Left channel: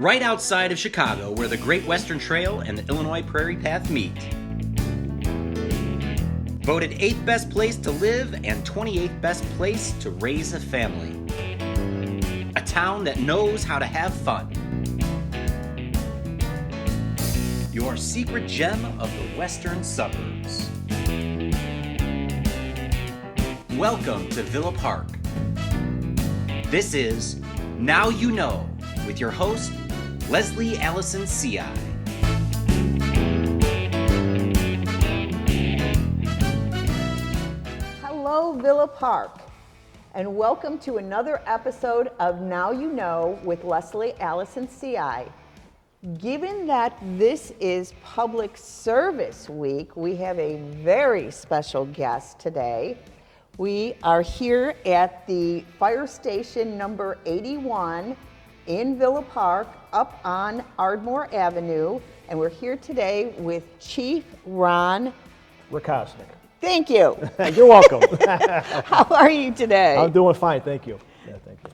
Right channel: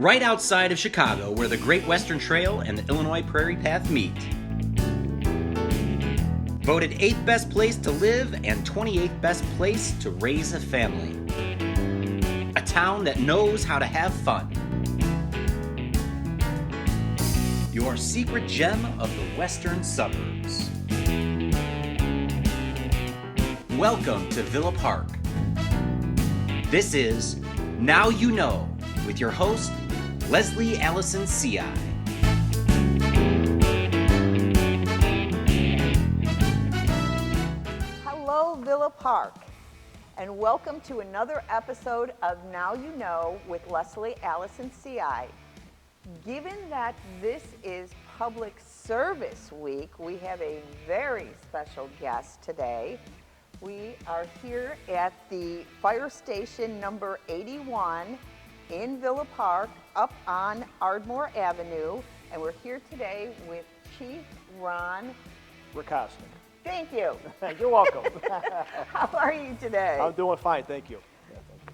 right outside of Chicago where the Great Western Trail and the Illinois Prairie Path meet. Voted 8th best place to live and 28th best place to raise a family. A town that knows how to have fun. Your secret gem of the western suburbs. Welcome to Villa Park. This is Now You Know with your host, Leslie Allison C.I. Hello, Villa Park, and welcome to another episode of Now You Know with Leslie Allison C.I. Given that this is Public Service Week, we have a very special guest today. We are here at the fire station number 81 in Villa Park, up on Ardmore Avenue, and we're here today with Chief Ron Rakosnik. Thank you. You're welcome. How are you today? I'm doing fine, thank you. Yeah, thank you.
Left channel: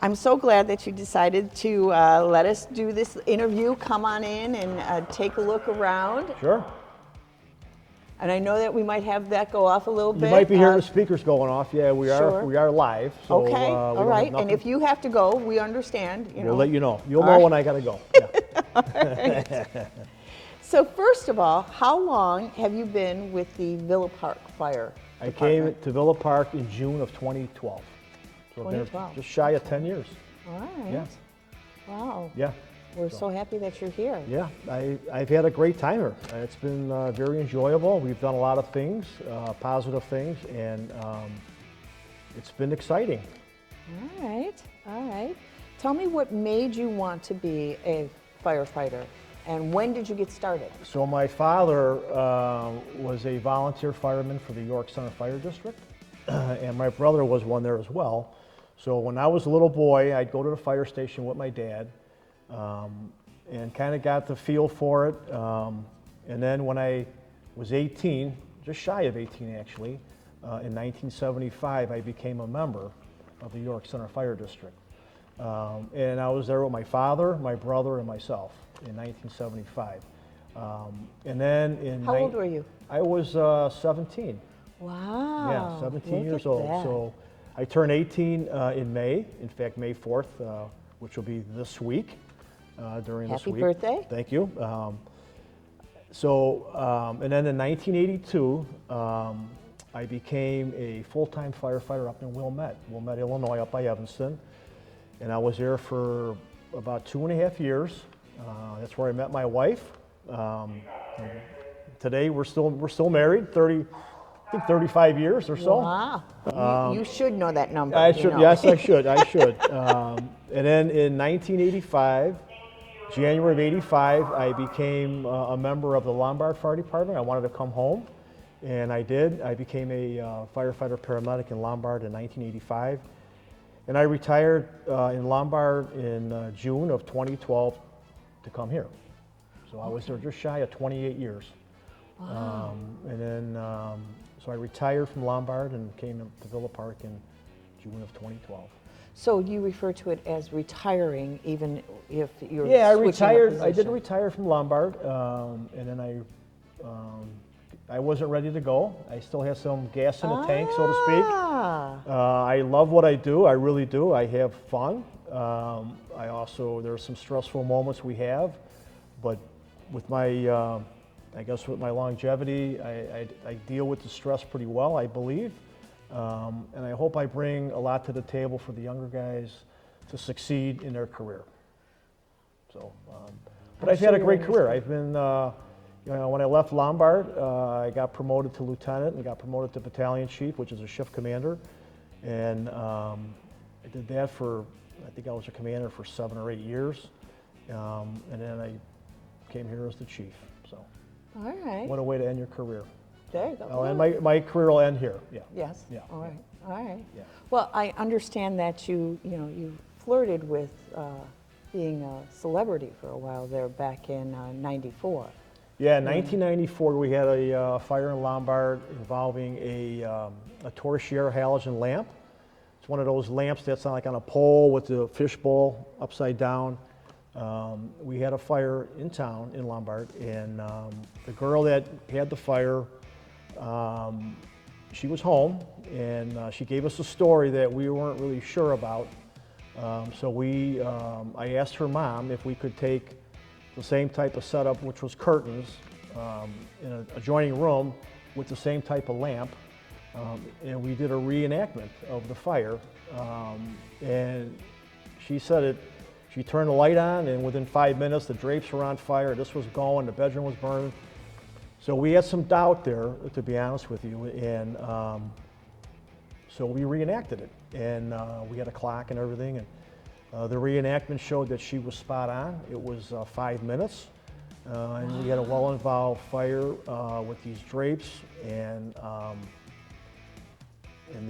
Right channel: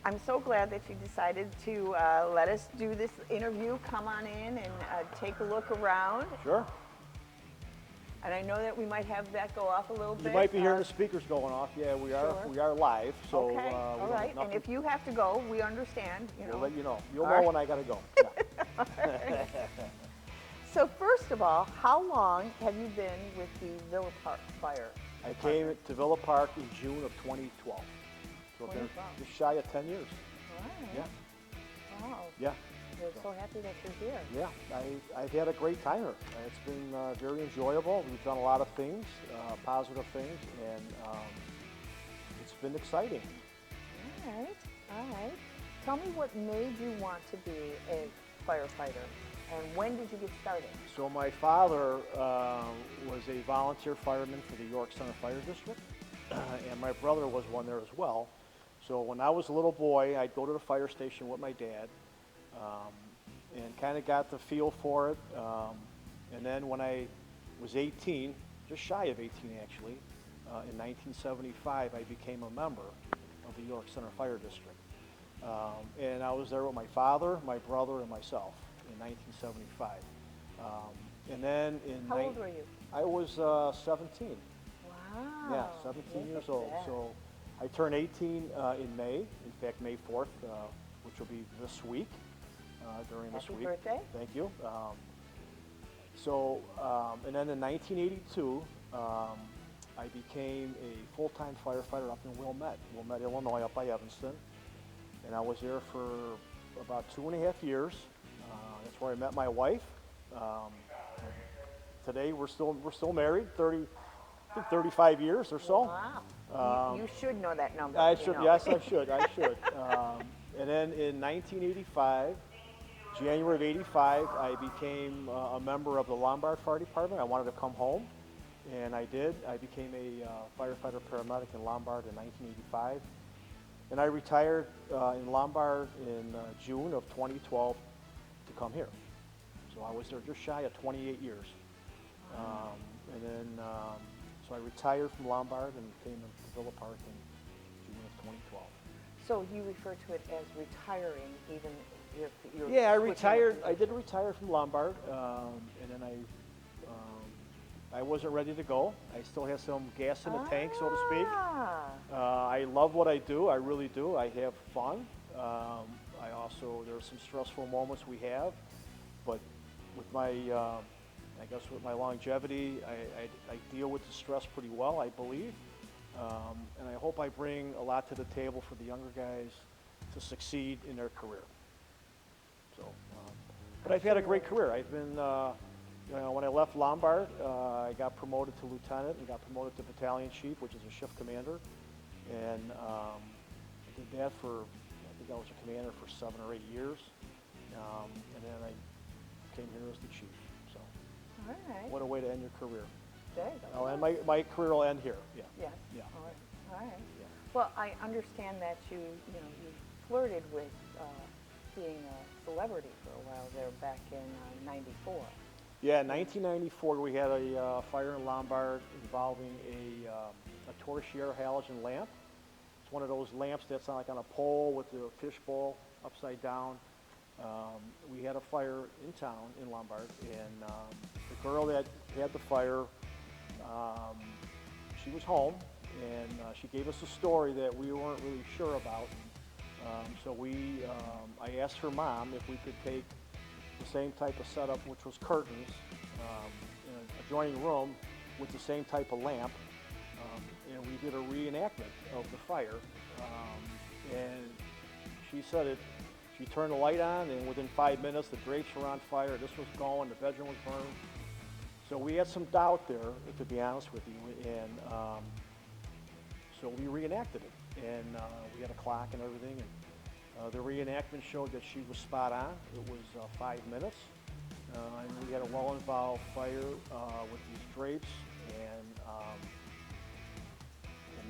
I'm so glad that you decided to let us do this interview. Come on in and take a look around. Sure. And I know that we might have that go off a little bit. You might be hearing the speakers going off. Yeah, we are. Sure. We are live. So, Okay. we All don't right. have And nothing. if you have to go, we understand. We'll let you know. You'll All know right. when I gotta go. Yeah. So first of all, how long have you been with the Villa Park Fire I Department? came to Villa Park in June of 2012. So I've been 2012. just shy of 10 years. All right. Yeah. Wow. Yeah. We're so happy that you're here. Yeah. I've had a great time here. It's been very enjoyable. We've done a lot of things, positive things, and it's been exciting. All right. All right. Tell me what made you want to be a firefighter, and when did you get started? So my father was a volunteer fireman for the York Center Fire District, and my brother was one there as well. So when I was a little boy, I'd go to the fire station with my dad, and kind of got the feel for it. And then when I was 18, just shy of 18 actually, in 1975, I became a member of the York Center Fire District. And I was there with my father, my brother, and myself in 1975. And then in How old were you? I was 17. Wow. Yeah, 17 look years at old. that. So I turned 18 in May. In fact, May 4th, which will be this week. During Happy this week. birthday. Thank you. And then in 1982, I became a full-time firefighter up in Wilmette, Illinois, up by Evanston. And I was there for about 2.5 years. That's where I met my wife. Today we're still married, 35 years or so. Wow. You should know that number. I you should. know. Yes, I should. I should. And then in 1985, January of '85, I became a member of the Lombard Fire Department. I wanted to come home, and I did. I became a firefighter paramedic in Lombard in 1985, and I retired in Lombard in June of 2012 to come here. So I was there just shy of 28 years. Wow. And then, so I retired from Lombard and came to Villa Park in June of 2012. So you refer to it as retiring, even if you're Yeah, I switching retired. a I did position. retire from Lombard, and then I wasn't ready to go. I still have some gas in the tank, so to speak. Ah. I love what I do. I really do. I have fun. I also, there are some stressful moments we have, but with my, I guess with my longevity, I deal with the stress pretty well, I believe. And I hope I bring a lot to the table for the younger guys to succeed in their career. So, but I've had a great career. I've been, when I left Lombard, I got promoted to lieutenant and got promoted to battalion chief, which is a shift commander. And I did that for, I think I was a commander for 7 or 8 years. And then I came here as the chief. So, All right. what a way to end your career. There you go. Oh, and my career will end here. Yeah. Yes. Yeah. All right. All right. Yeah. Well, I understand that you flirted with being a celebrity for a while there back in '94. Yeah, in 1994 we had a fire in Lombard involving a torchlight halogen lamp. It's one of those lamps that's like on a pole with the fishbowl upside down. We had a fire in town in Lombard, and the girl that had the fire, she was home, and she gave us a story that we weren't really sure about. I asked her mom if we could take the same type of setup, which was curtains, in an adjoining room with the same type of lamp, and we did a reenactment of the fire. And she said it. She turned the light on, and within 5 minutes, the drapes were on fire. This was going. The bedroom was burned. So we had some doubt there, to be honest with you, and so we reenacted it, and we had a clock and everything. And the reenactment showed that she was spot on. It was 5 minutes, and we had a well-involved fire with these drapes, and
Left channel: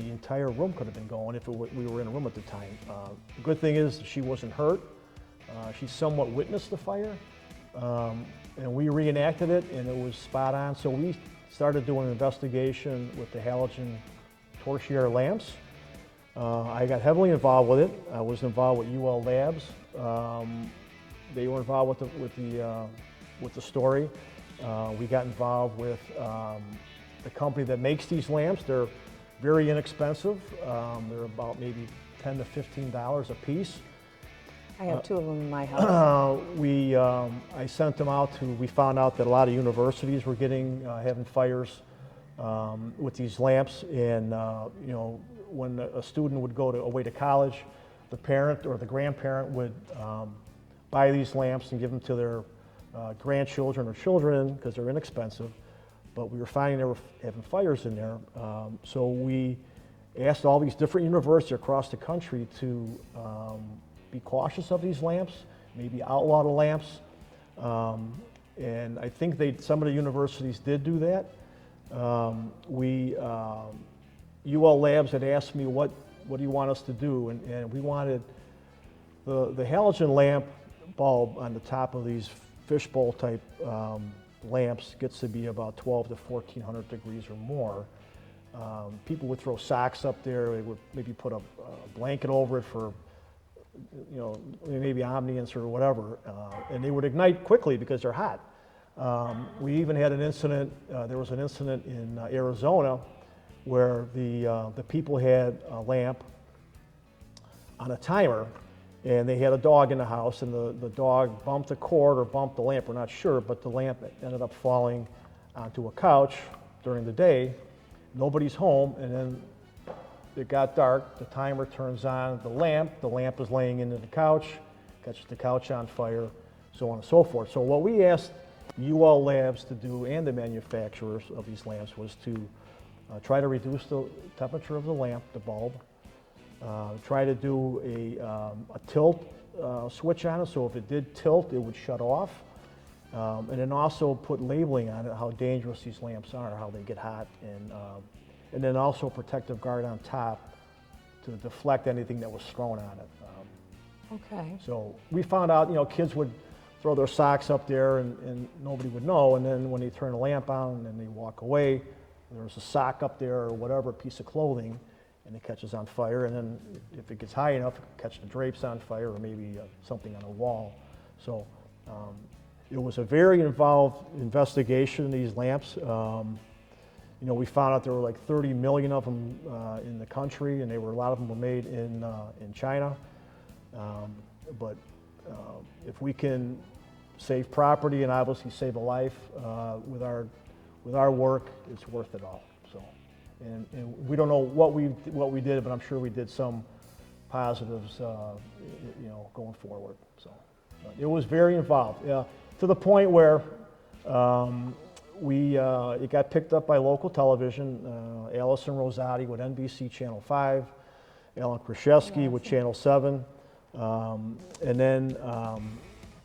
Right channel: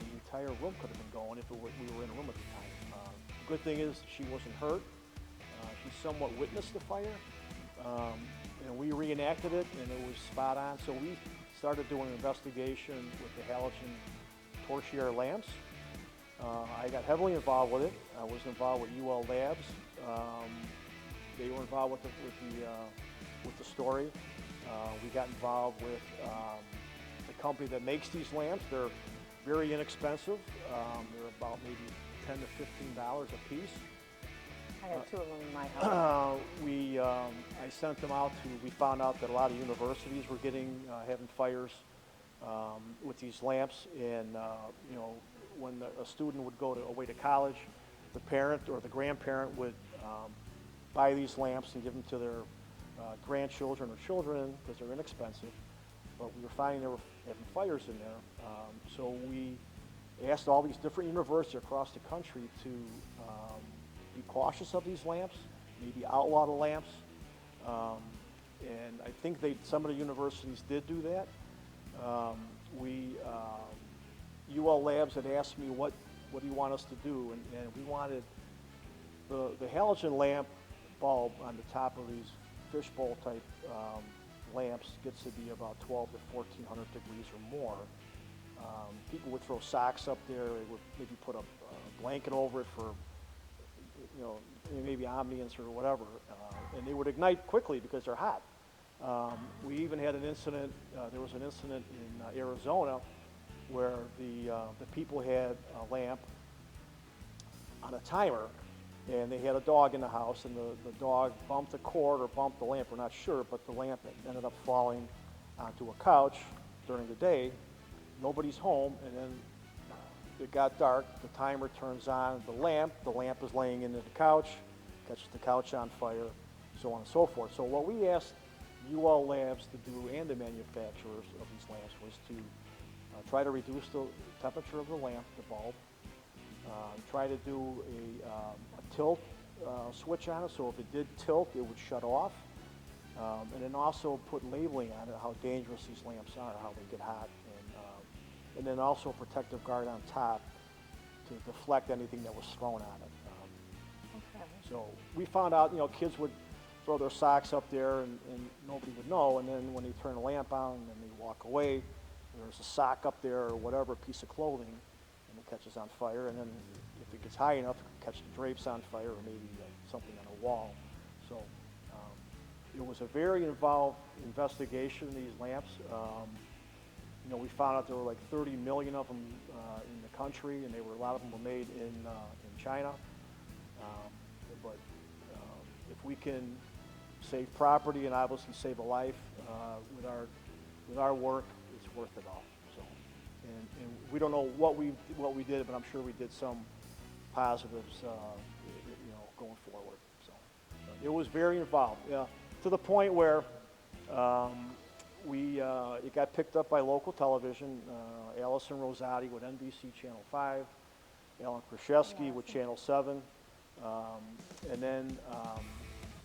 the entire room could have been going if we were in a room at the time. The good thing is she wasn't hurt. She somewhat witnessed the fire, and we reenacted it, and it was spot on. So we started doing an investigation with the halogen torchlight lamps. I got heavily involved with it. I was involved with UL Labs. They were involved with the story. We got involved with the company that makes these lamps. They're very inexpensive. They're about maybe $10 to $15 a piece. I have two of them in my house. I sent them out we found out that a lot of universities were having fires with these lamps, and when a student would go away to college, the parent or the grandparent would buy these lamps and give them to their grandchildren or children because they're inexpensive. But we were finding they were having fires in there. So we asked all these different universities across the country to be cautious of these lamps, maybe outlaw the lamps. And I think some of the universities did do that. UL Labs had asked me, what do you want us to do? And we wanted the halogen lamp bulb on the top of these fishbowl type lamps gets to be about 12 to 1400 degrees or more. People would throw socks up there. They would maybe put a blanket over it for, maybe omniance or whatever, and they would ignite quickly because they're hot. We even had an incident. There was an incident in Arizona where the people had a lamp on a timer, and they had a dog in the house, and the dog bumped the cord or bumped the lamp, we're not sure, but the lamp ended up falling onto a couch during the day. Nobody's home, and then it got dark, the timer turns on the lamp is laying into the couch, catches the couch on fire, so on and so forth. So what we asked UL Labs to do, and the manufacturers of these lamps, was to try to reduce the temperature of the lamp, the bulb, try to do a tilt switch on it, so if it did tilt, it would shut off. And then also put labeling on it, how dangerous these lamps are, how they get hot, and then also a protective guard on top to deflect anything that was thrown on it. Okay. So we found out, kids would throw their socks up there and nobody would know, and then when they turn the lamp on and then they walk away, there's a sock up there or whatever, a piece of clothing, and it catches on fire, and then if it gets high enough, catch the drapes on fire or maybe something on a wall. So it was a very involved investigation, these lamps. We found out there were like 30 million of them in the country, and a lot of them were made in China. But if we can save property and obviously save a life with our work, it's worth it all. So, and we don't know what we did, but I'm sure we did some positives, going forward. So it was very involved, to the point where it got picked up by local television. Allison Rosati with NBC Channel 5, Alan Kraszewski with Channel 7, and then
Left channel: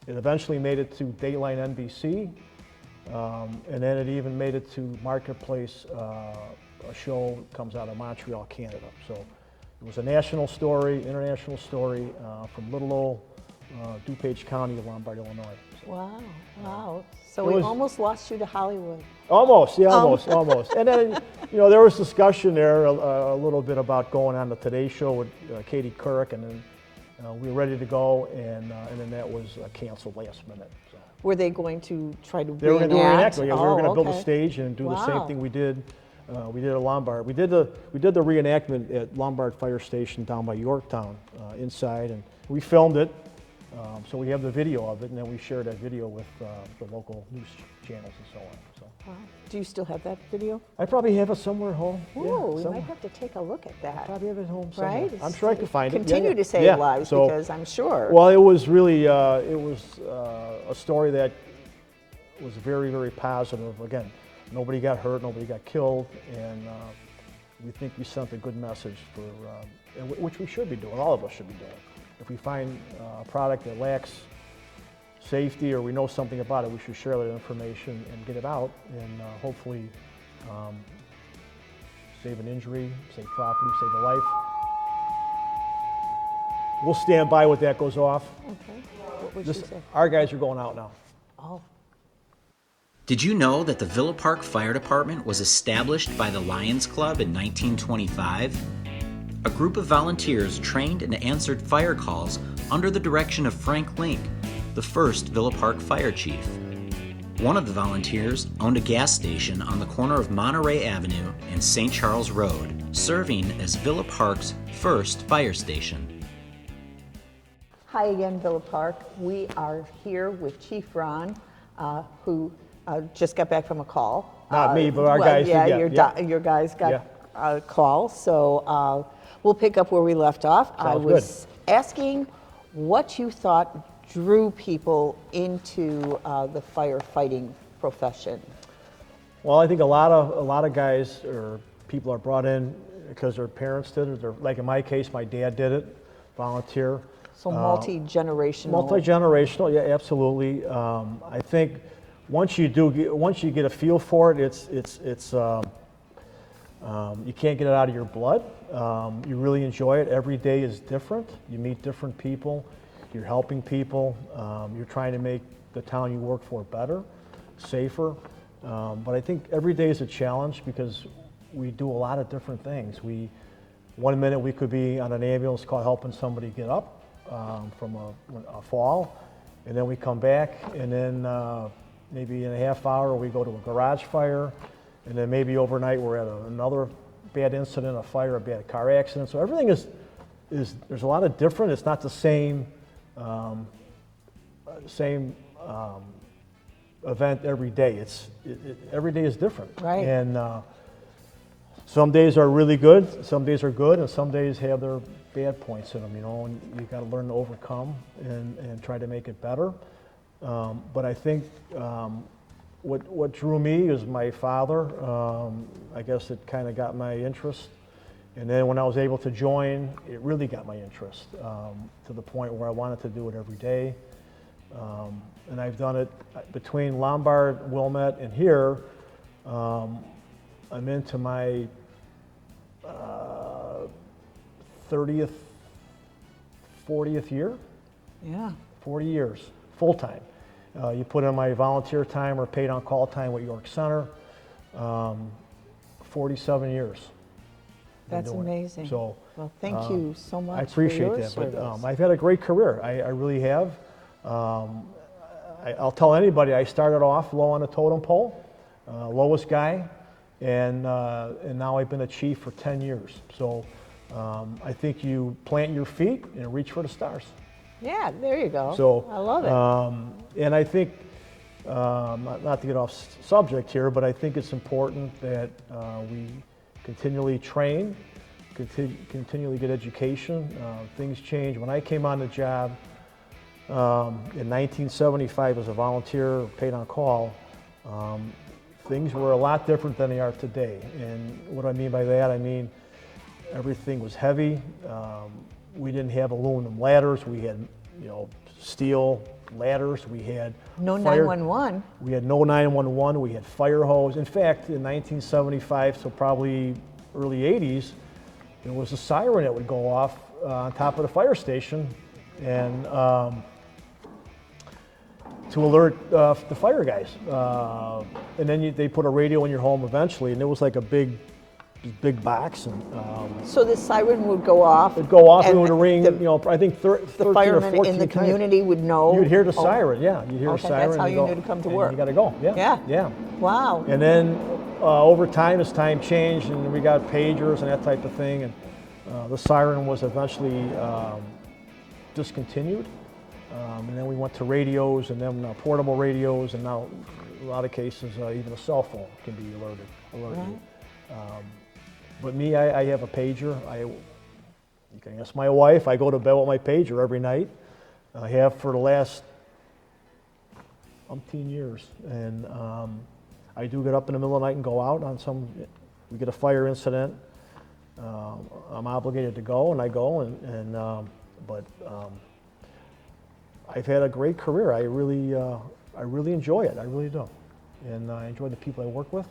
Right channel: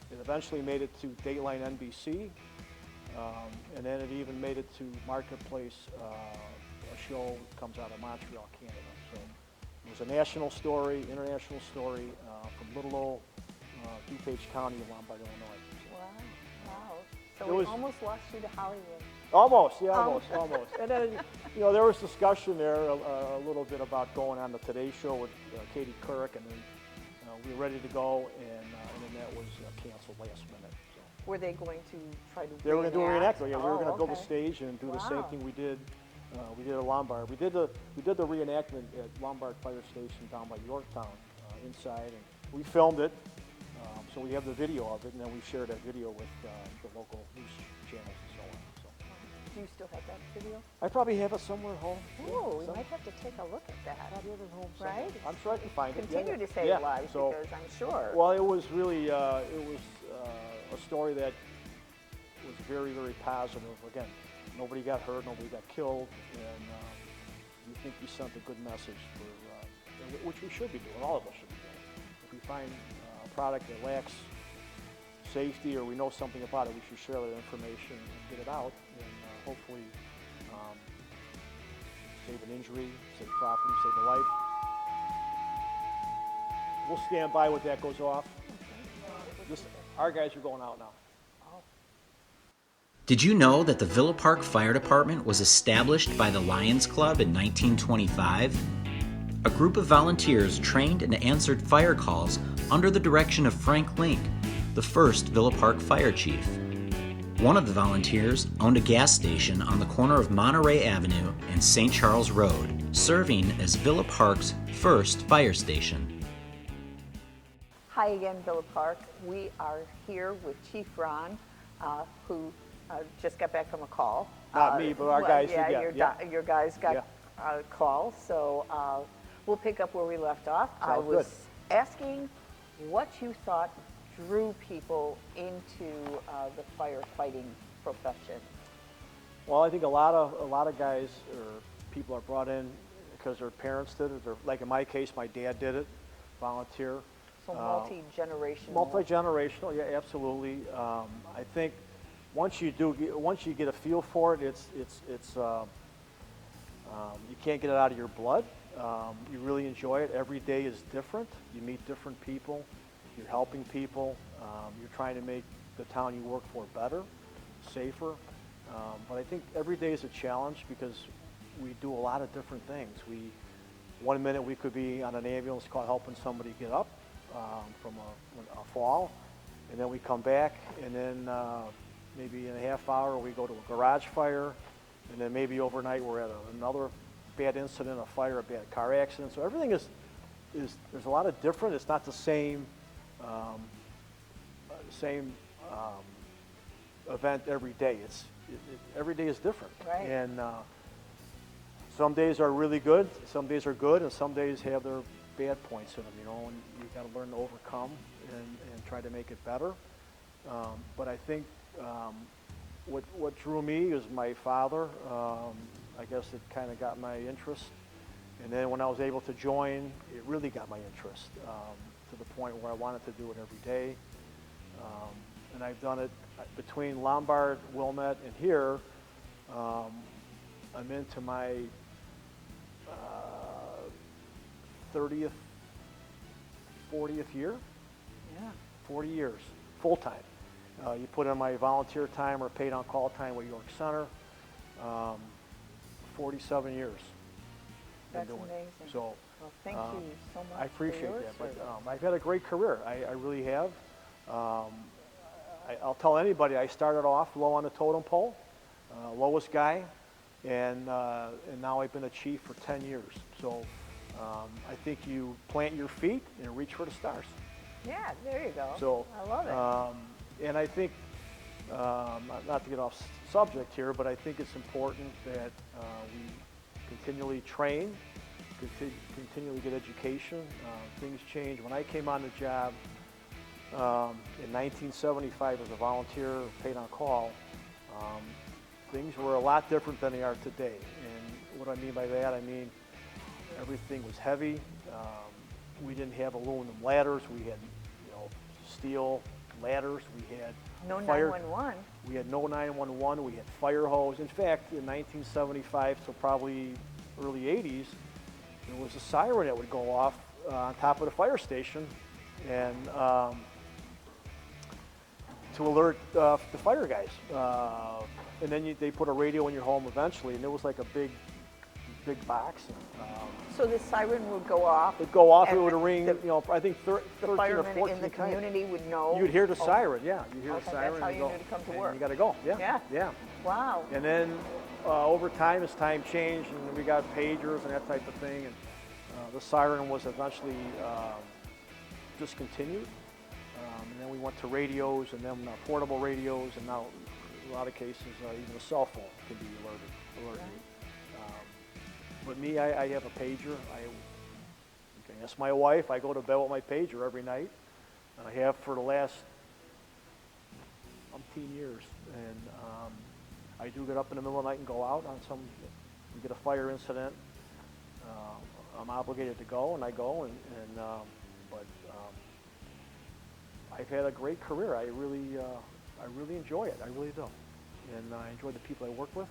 it eventually made it to Dateline NBC, and then it even made it to Marketplace, a show comes out of Montreal, Canada. So it was a national story, international story from little old DuPage County of Lombard, Illinois. Wow. So we almost lost you to Hollywood. Almost. And then, there was discussion there a little bit about going on the Today Show with Katie Couric, and then We were ready to go, and then that was canceled last minute. So. Were they going to try to They were going to do a reenact? reenactment. Yeah, we were going to build a okay. stage and do the same Wow. thing we did. We did at Lombard. We did the reenactment at Lombard Fire Station down by Yorktown inside, and we filmed it. So we have the video of it, and then we shared that video with the local news channels and so on. So. Wow. Do you still have that video? I probably have it somewhere at home. Oh, we somewhere. might have to take a look at I that. probably have it at home somewhere. Right? I'm sure I can find it. Continue to save Yeah. lives So, because I'm sure. well, it was really a story that was very, very positive. Again, nobody got hurt, nobody got killed, and we think we sent a good message for which we should be doing. All of us should be doing. If we find a product that lacks safety or we know something about it, we should share that information and get it out, and hopefully save an injury, save property, save a life. We'll stand by when that goes off. What would Just, you say? our guys are going out now. Oh, Did you know that the Villa Park Fire Department was established by the Lions Club in 1925? A group of volunteers trained and answered fire calls under the direction of Frank Link, the first Villa Park fire chief. One of the volunteers owned a gas station on the corner of Monterey Avenue and St. Charles Road, serving as Villa Park's first fire station. hi again, Villa Park. We are here with Chief Ron, who just got back from a call. Not me, but our guys did, Yeah, yeah. your guys got a call. So we'll pick up where we left off. I Sounds was asking what you thought drew people into the firefighting profession. Well, I think a lot of guys or people are brought in because their parents did it, or like in my case, my dad did it, volunteer. So multi-generational. Multi-generational, yeah, absolutely. I think once you get a feel for it, you can't get it out of your blood. You really enjoy it. Every day is different. You meet different people. You're helping people. You're trying to make the town you work for better, safer. But I think every day is a challenge because we do a lot of different things. One minute we could be on an ambulance call helping somebody get up from a fall, and then we come back, and then maybe in a half hour we go to a garage fire, and then maybe overnight we're at another bad incident, a fire, a bad car accident. So everything is there's a lot of different. It's not the same event every day. Every day is different. Right. And some days are really good, some days are good, and some days have their bad points in them, and you've got to learn to overcome and try to make it better. But I think what drew me is my father. I guess it kind of got my interest. And then when I was able to join, it really got my interest to the point where I wanted to do it every day. And I've done it between Lombard, Wilmette, and here. I'm into my 30th, 40th year. Yeah. 40 years, full time. You put in my volunteer time or paid on call time with York Center. 47 years. That's amazing. So well, thank you so much. I appreciate for your that. But service. I've had a great career. I really have. I'll tell anybody I started off low on the totem pole, lowest guy, and now I've been a chief for 10 years. So I think you plant your feet and reach for the stars. Yeah, there you go. So I love it. and I think, not to get off subject here, but I think it's important that we continually train, continually get education. Things change. When I came on the job in 1975 as a volunteer, paid on call, things were a lot different than they are today. And what I mean by that, I mean everything was heavy. We didn't have aluminum ladders. We had, steel ladders. We had No fire- 911. We had no 911. We had fire hose. In fact, in 1975, so probably early 80s, there was a siren that would go off on top of the fire station, and to alert the fire guys. And then they put a radio in your home eventually, and it was like a big big box, and So the siren would go off. it'd go off and it and would ring, the, you know, I think the 13 or firemen 14 in the times. community would know. You'd hear the oh, siren, yeah. You'd hear Okay, the siren. that's how and you go, knew to come to and work. You got to go, yeah. Yeah. Yeah. Wow. And then over time, as time changed, and we got pagers and that type of thing, and the siren was eventually discontinued. And then we went to radios, and then portable radios, and now in a lot of cases, even a cell phone can be alerted. But me, I have a pager. I ask my wife. I go to bed with my pager every night. I have for the last umpteen years, and I do get up in the middle of the night and go out on some. We get a fire incident. I'm obligated to go, and I go, but I've had a great career. I really enjoy it. I really do, and I enjoy the people I work with.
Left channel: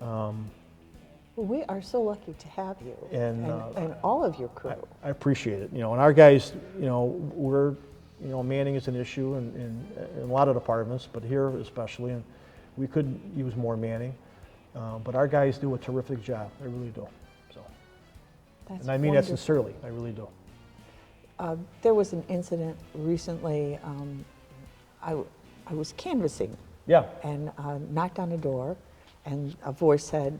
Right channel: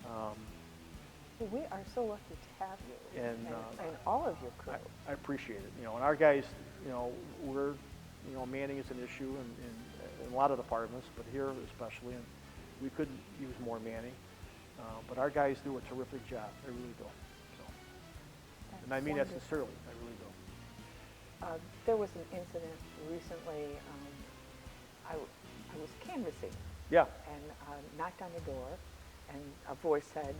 Well, we are so lucky to have you And, and all of your crew. I appreciate it. You know, and our guys, you know, manning is an issue in a lot of departments, but here especially, and we could use more manning. But our guys do a terrific job. They really do. So, That's and I mean wonderful. that sincerely. I really do. There was an incident recently. I was canvassing Yeah. and knocked on the door, and a voice said,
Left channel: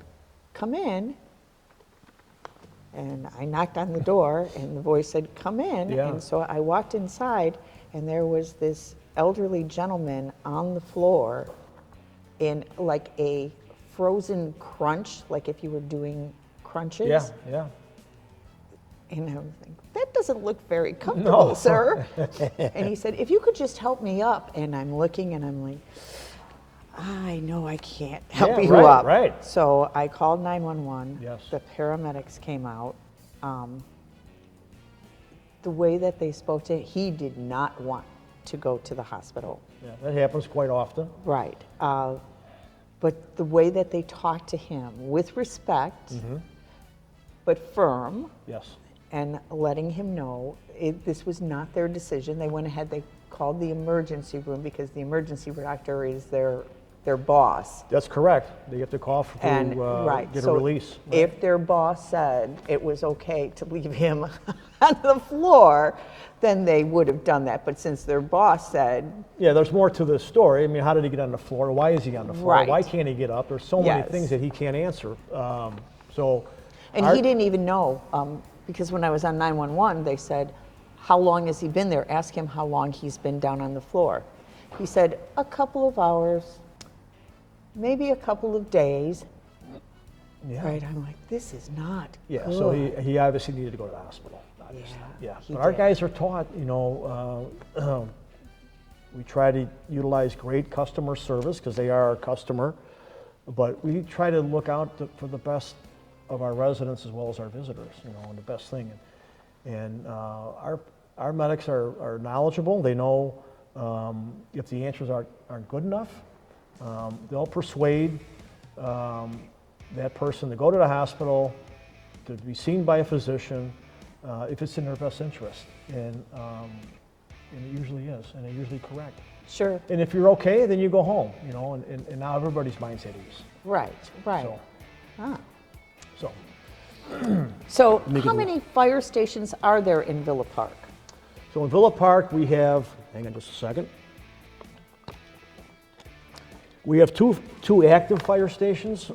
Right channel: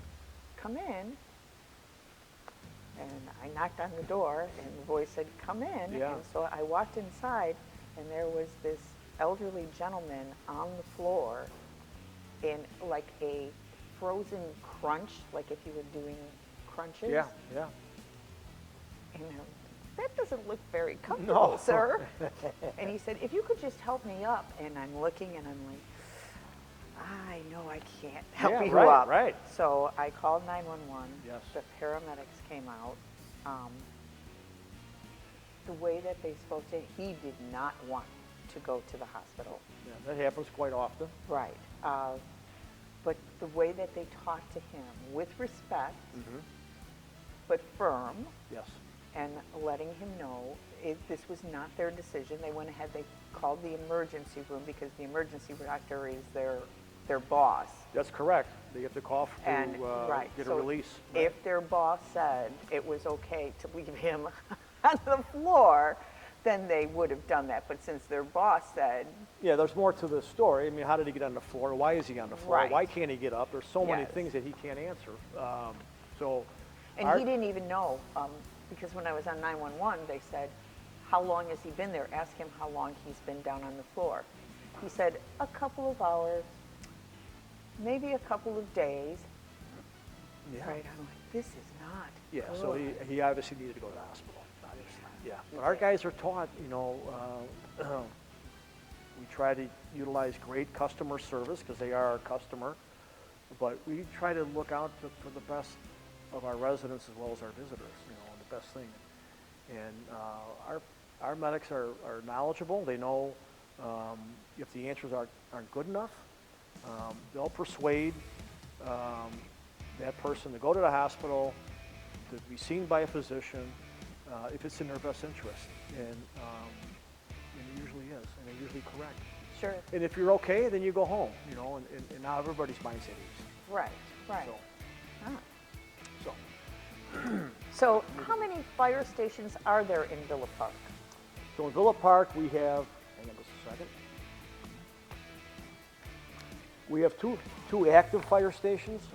"Come in." And I knocked on the door, and the voice said, "Come in." Yeah. And so I walked inside, and there was this elderly gentleman on the floor in like a frozen crunch, like if you were doing crunches. Yeah. Yeah. And I was like, "That doesn't look very comfortable, No. sir." And he said, "If you could just help me up." And I'm looking, and I'm like, I know I can't help Yeah, you right, up. right. So I called 911. Yes. The paramedics came out. The way that they spoke to him, he did not want to go to the hospital. Yeah, that happens quite often. Right. But the way that they talked to him with respect, but firm, Yes. and letting him know this was not their decision. They went ahead, they called the emergency room because the emergency doctor is their boss. That's correct. They get the call to And right, get a so release. Right. if their boss said it was okay to leave him on the floor, then they would have done that. But since their boss said, Yeah, there's more to the story. I mean, how did he get on the floor? Why is he on the floor? Right. Why can't he get up? There's so many Yes. things that he can't answer. So, and he didn't even know, because when I was on 911, they said, "How long has he been there?" Ask him how long he's been down on the floor. He said, "A couple of hours, maybe a couple of days." Yeah. Right, I'm like, this is not Yeah. good. So he obviously needed to go to the hospital. Obviously. Yeah. he But our did. guys are taught. You know, we try to utilize great customer service because they are our customer, but we try to look out for the best of our residents as well as our visitors. You know, and the best thing. And our medics are knowledgeable. They know if the answers aren't good enough. They'll persuade that person to go to the hospital, to be seen by a physician, if it's in their best interest. And it usually is, and it's usually correct. Sure, And if you're okay, then you go home, you know, and now everybody's mindset is. right. So, Ah. so So Make it how a- many fire stations are there in Villa Park? So in Villa Park, we have, hang on just a second. We have two active fire stations.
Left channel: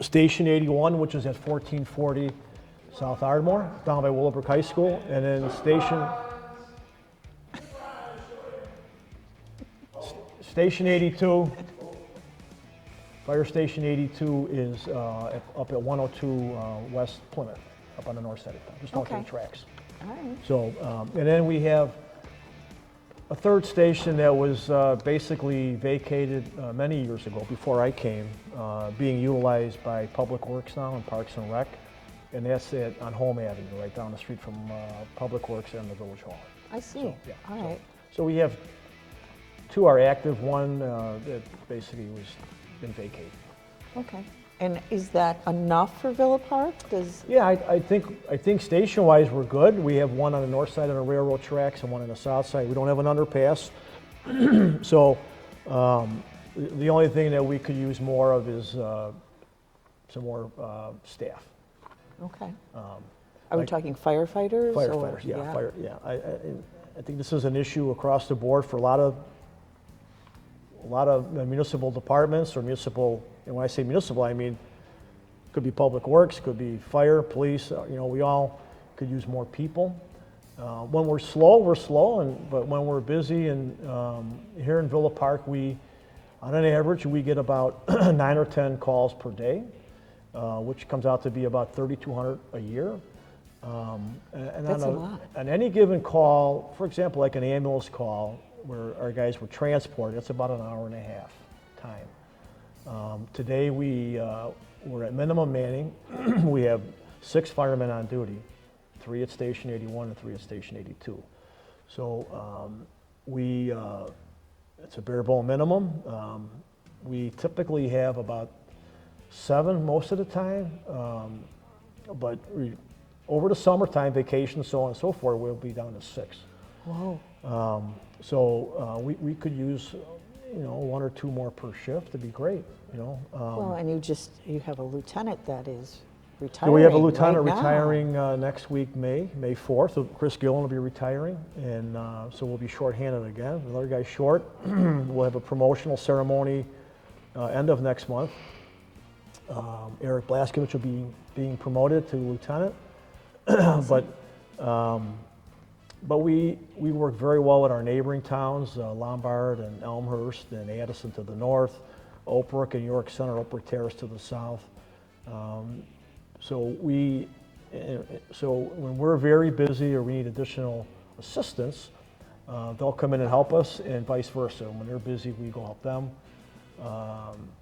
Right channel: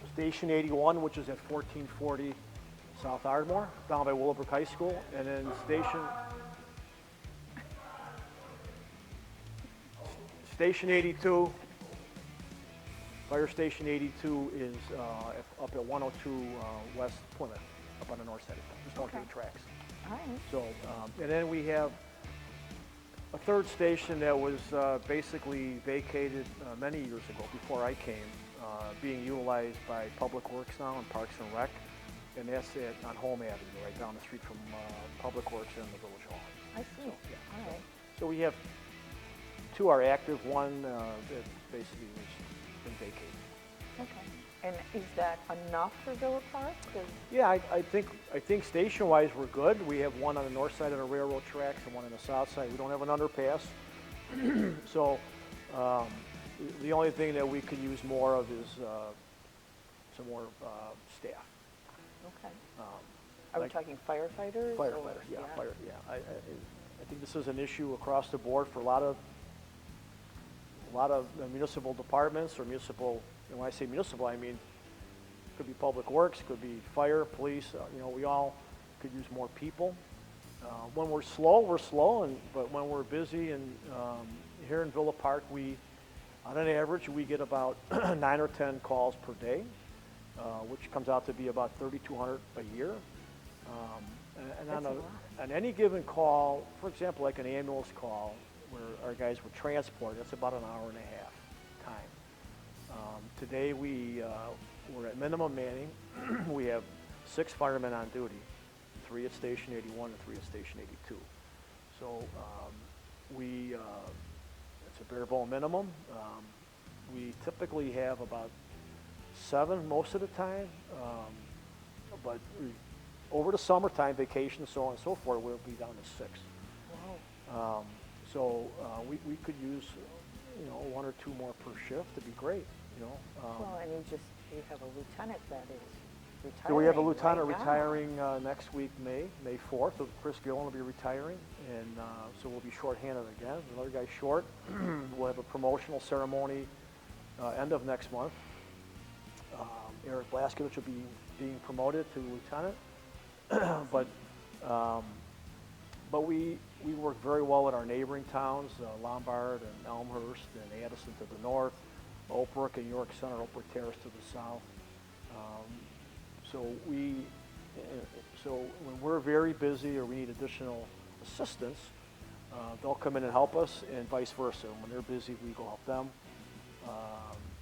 Station 81, which is at 1440 South Ardmore, down by Willowbrook High School, and then Station 82, Fire Station 82 is up at 102 West Plymouth, up on the north side of town, just off Okay. the tracks. All right. So, and then we have a third station that was basically vacated many years ago, before I came, being utilized by Public Works now and Parks and Rec, and that's on Home Avenue, right down the street from Public Works and the Village Hall. I see. yeah. All right. So we have two are active, one that basically was been vacated. Okay. And is that enough for Villa Park? Yeah, I think station-wise we're good. We have one on the north side of the railroad tracks and one on the south side. We don't have an underpass. So the only thing that we could use more of is some more staff. Okay. Are we like talking firefighters? Or, Firefighters, yeah, fire, yeah. I think this is an issue across the board for a lot of municipal departments or municipal. And when I say municipal, I mean could be public works, could be fire, police. We all could use more people. When we're slow, but when we're busy, and here in Villa Park, on an average, we get about 9 or 10 calls per day, which comes out to be about 3,200 a year. And That's a lot. on any given call, for example, like an ambulance call, where our guys were transported, it's about an hour and a half time. Today we're at minimum manning. We have 6 firemen on duty, 3 at Station 81 and 3 at Station 82. So it's a bare bone minimum. We typically have about 7 most of the time, but over the summertime, vacation, so on and so forth, we'll be down to 6. Whoa. We could use 1 or 2 more per shift. It'd be great. Well, and you have a lieutenant that is So retiring. we have a lieutenant right now. retiring next week, May 4th. So Chris Gillen will be retiring, and so we'll be shorthanded again. Another guy short. We'll have a promotional ceremony end of next month. Eric Blaskovich will be being promoted to lieutenant. But we work very well with our neighboring towns, Lombard and Elmhurst and Addison to the north, Oak Brook and York Center, Oak Brook Terrace to the south. So when we're very busy or we need additional assistance, they'll come in and help us, and vice versa. When they're busy, we go help them.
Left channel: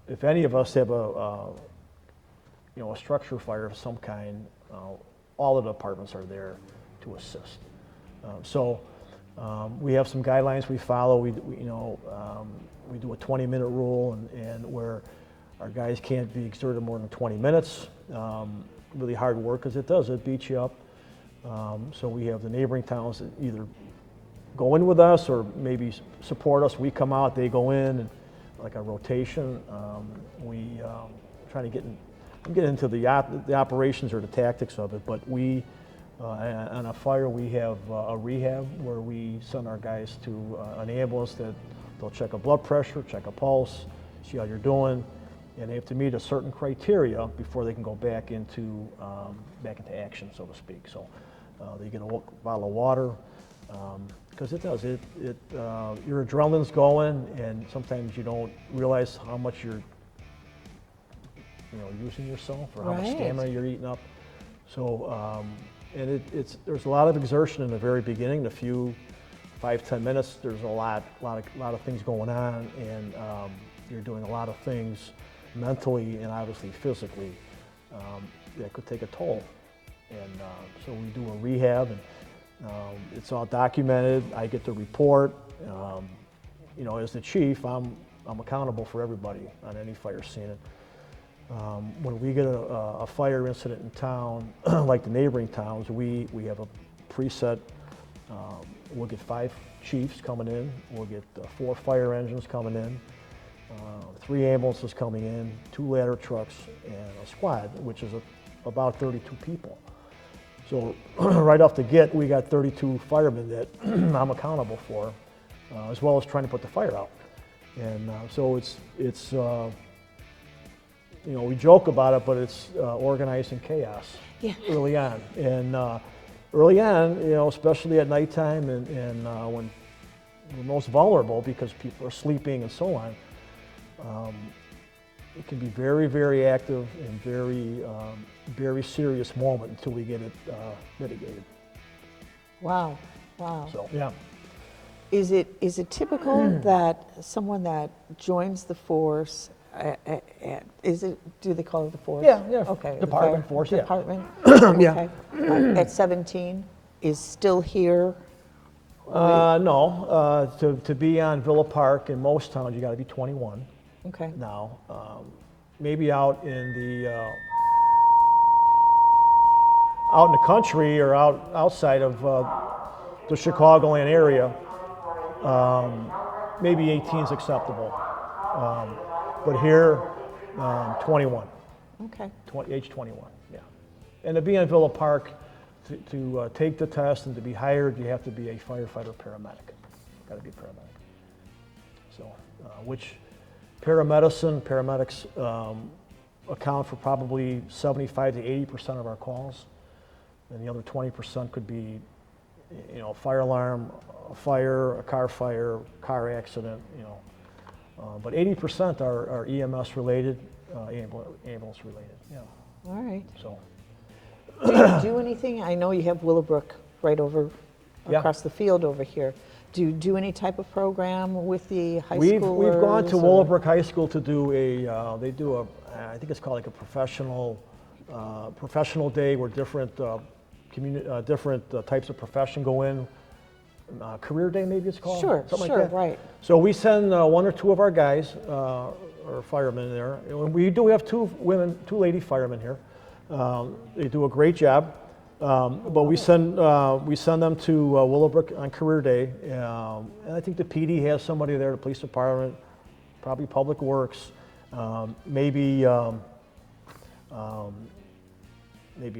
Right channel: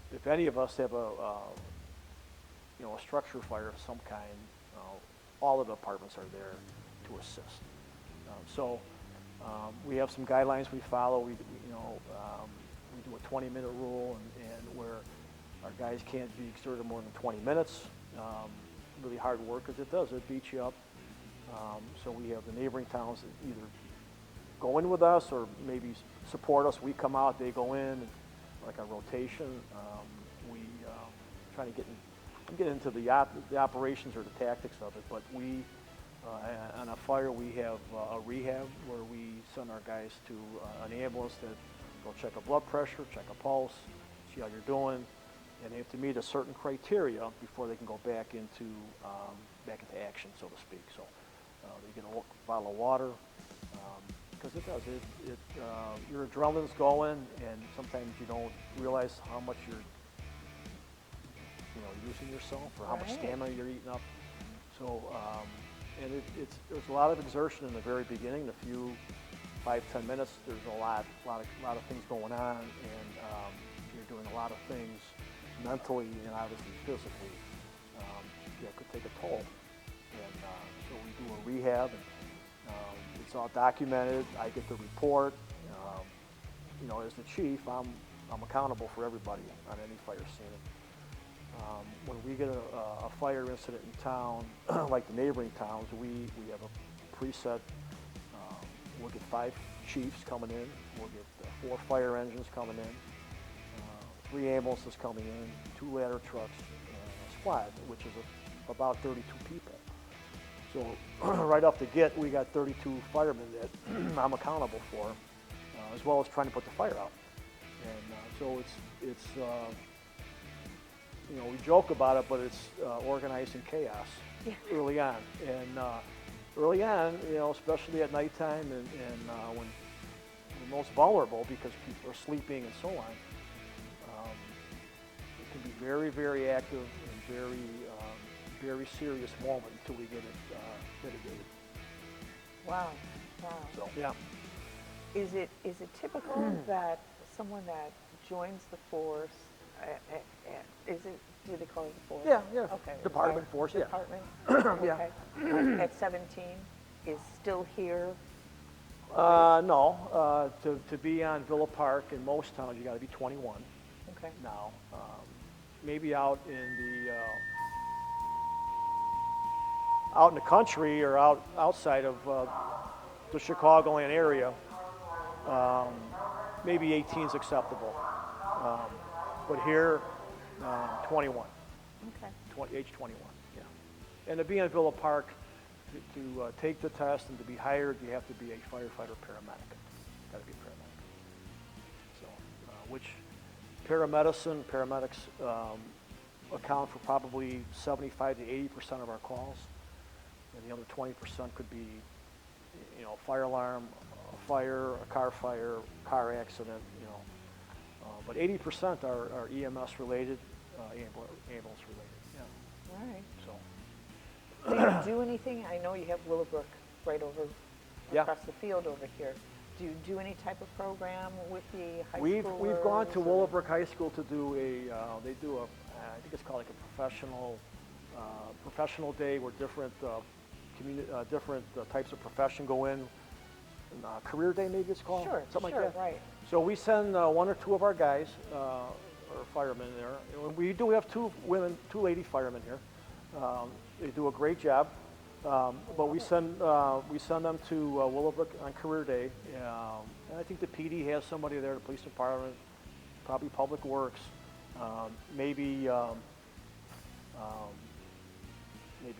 If any of us have a structure fire of some kind, all of the departments are there to assist. We have some guidelines we follow. We do a 20-minute rule, and where our guys can't be exerted more than 20 minutes. Really hard work, because it beats you up. So we have the neighboring towns that either go in with us or maybe support us. We come out, they go in, and like a rotation. We try to get into the operations or the tactics of it, but on a fire, we have a rehab where we send our guys to an ambulance that they'll check a blood pressure, check a pulse, see how you're doing, and they have to meet a certain criteria before they can go back into action, so to speak. So they get a bottle of water, because it does. Your adrenaline's going, and sometimes you don't realize how much you're using yourself, or how much stamina you're eating up. So. And there's a lot of exertion in the very beginning. The few 5-10 minutes, there's a lot of things going on, and you're doing a lot of things mentally and obviously physically that could take a toll. And so we do a rehab, and it's all documented. I get the report. As the chief, I'm accountable for everybody on any fire scene. When we get a fire incident in town, like the neighboring towns, we have a preset. We'll get 5 chiefs coming in. We'll get 4 fire engines coming in, 3 ambulances coming in, 2 ladder trucks, and a squad, which is about 32 people. So right off the get, we got 32 firemen that I'm accountable for, as well as trying to put the fire out. And so it's we joke about it, but it's organizing chaos early on. And early on, especially at nighttime and when we're most vulnerable because people are sleeping and so on, it can be very, very active and very serious moment until we get it mitigated. Wow. So, yeah. Is it typical that someone that joins the force, do they call it the force? Yeah. Okay. Department, force, yeah. Department? Yeah. Okay. At 17, is still here? No. To be on Villa Park in most towns, you got to be 21 Okay. now. Maybe out in the country or outside of the Chicagoland area, maybe 18 is acceptable. But here, 21. Okay. age 21, yeah. And to be in Villa Park, to take the test and to be hired, you have to be a firefighter paramedic. Got to be a paramedic. So, which paramedics account for probably 75 to 80% of our calls, and the other 20% could be, fire alarm, a car accident, but 80% are EMS related, ambulance related. Yeah. All right. So. Do you do anything? I know you have Willowbrook right over Yeah. across the field over here. Do you do any type of program with the high We've gone to schoolers, or- Willowbrook High School to do they do I think it's called like a professional day where different types of profession go in. Career day, maybe it's called. Sure, something sure, like that. right. So we send one or two of our guys or firemen there. And we do have two lady firemen here. They do a great job. But we send them to Willowbrook on career day, and I think the PD has somebody there, the police department, probably Public Works, maybe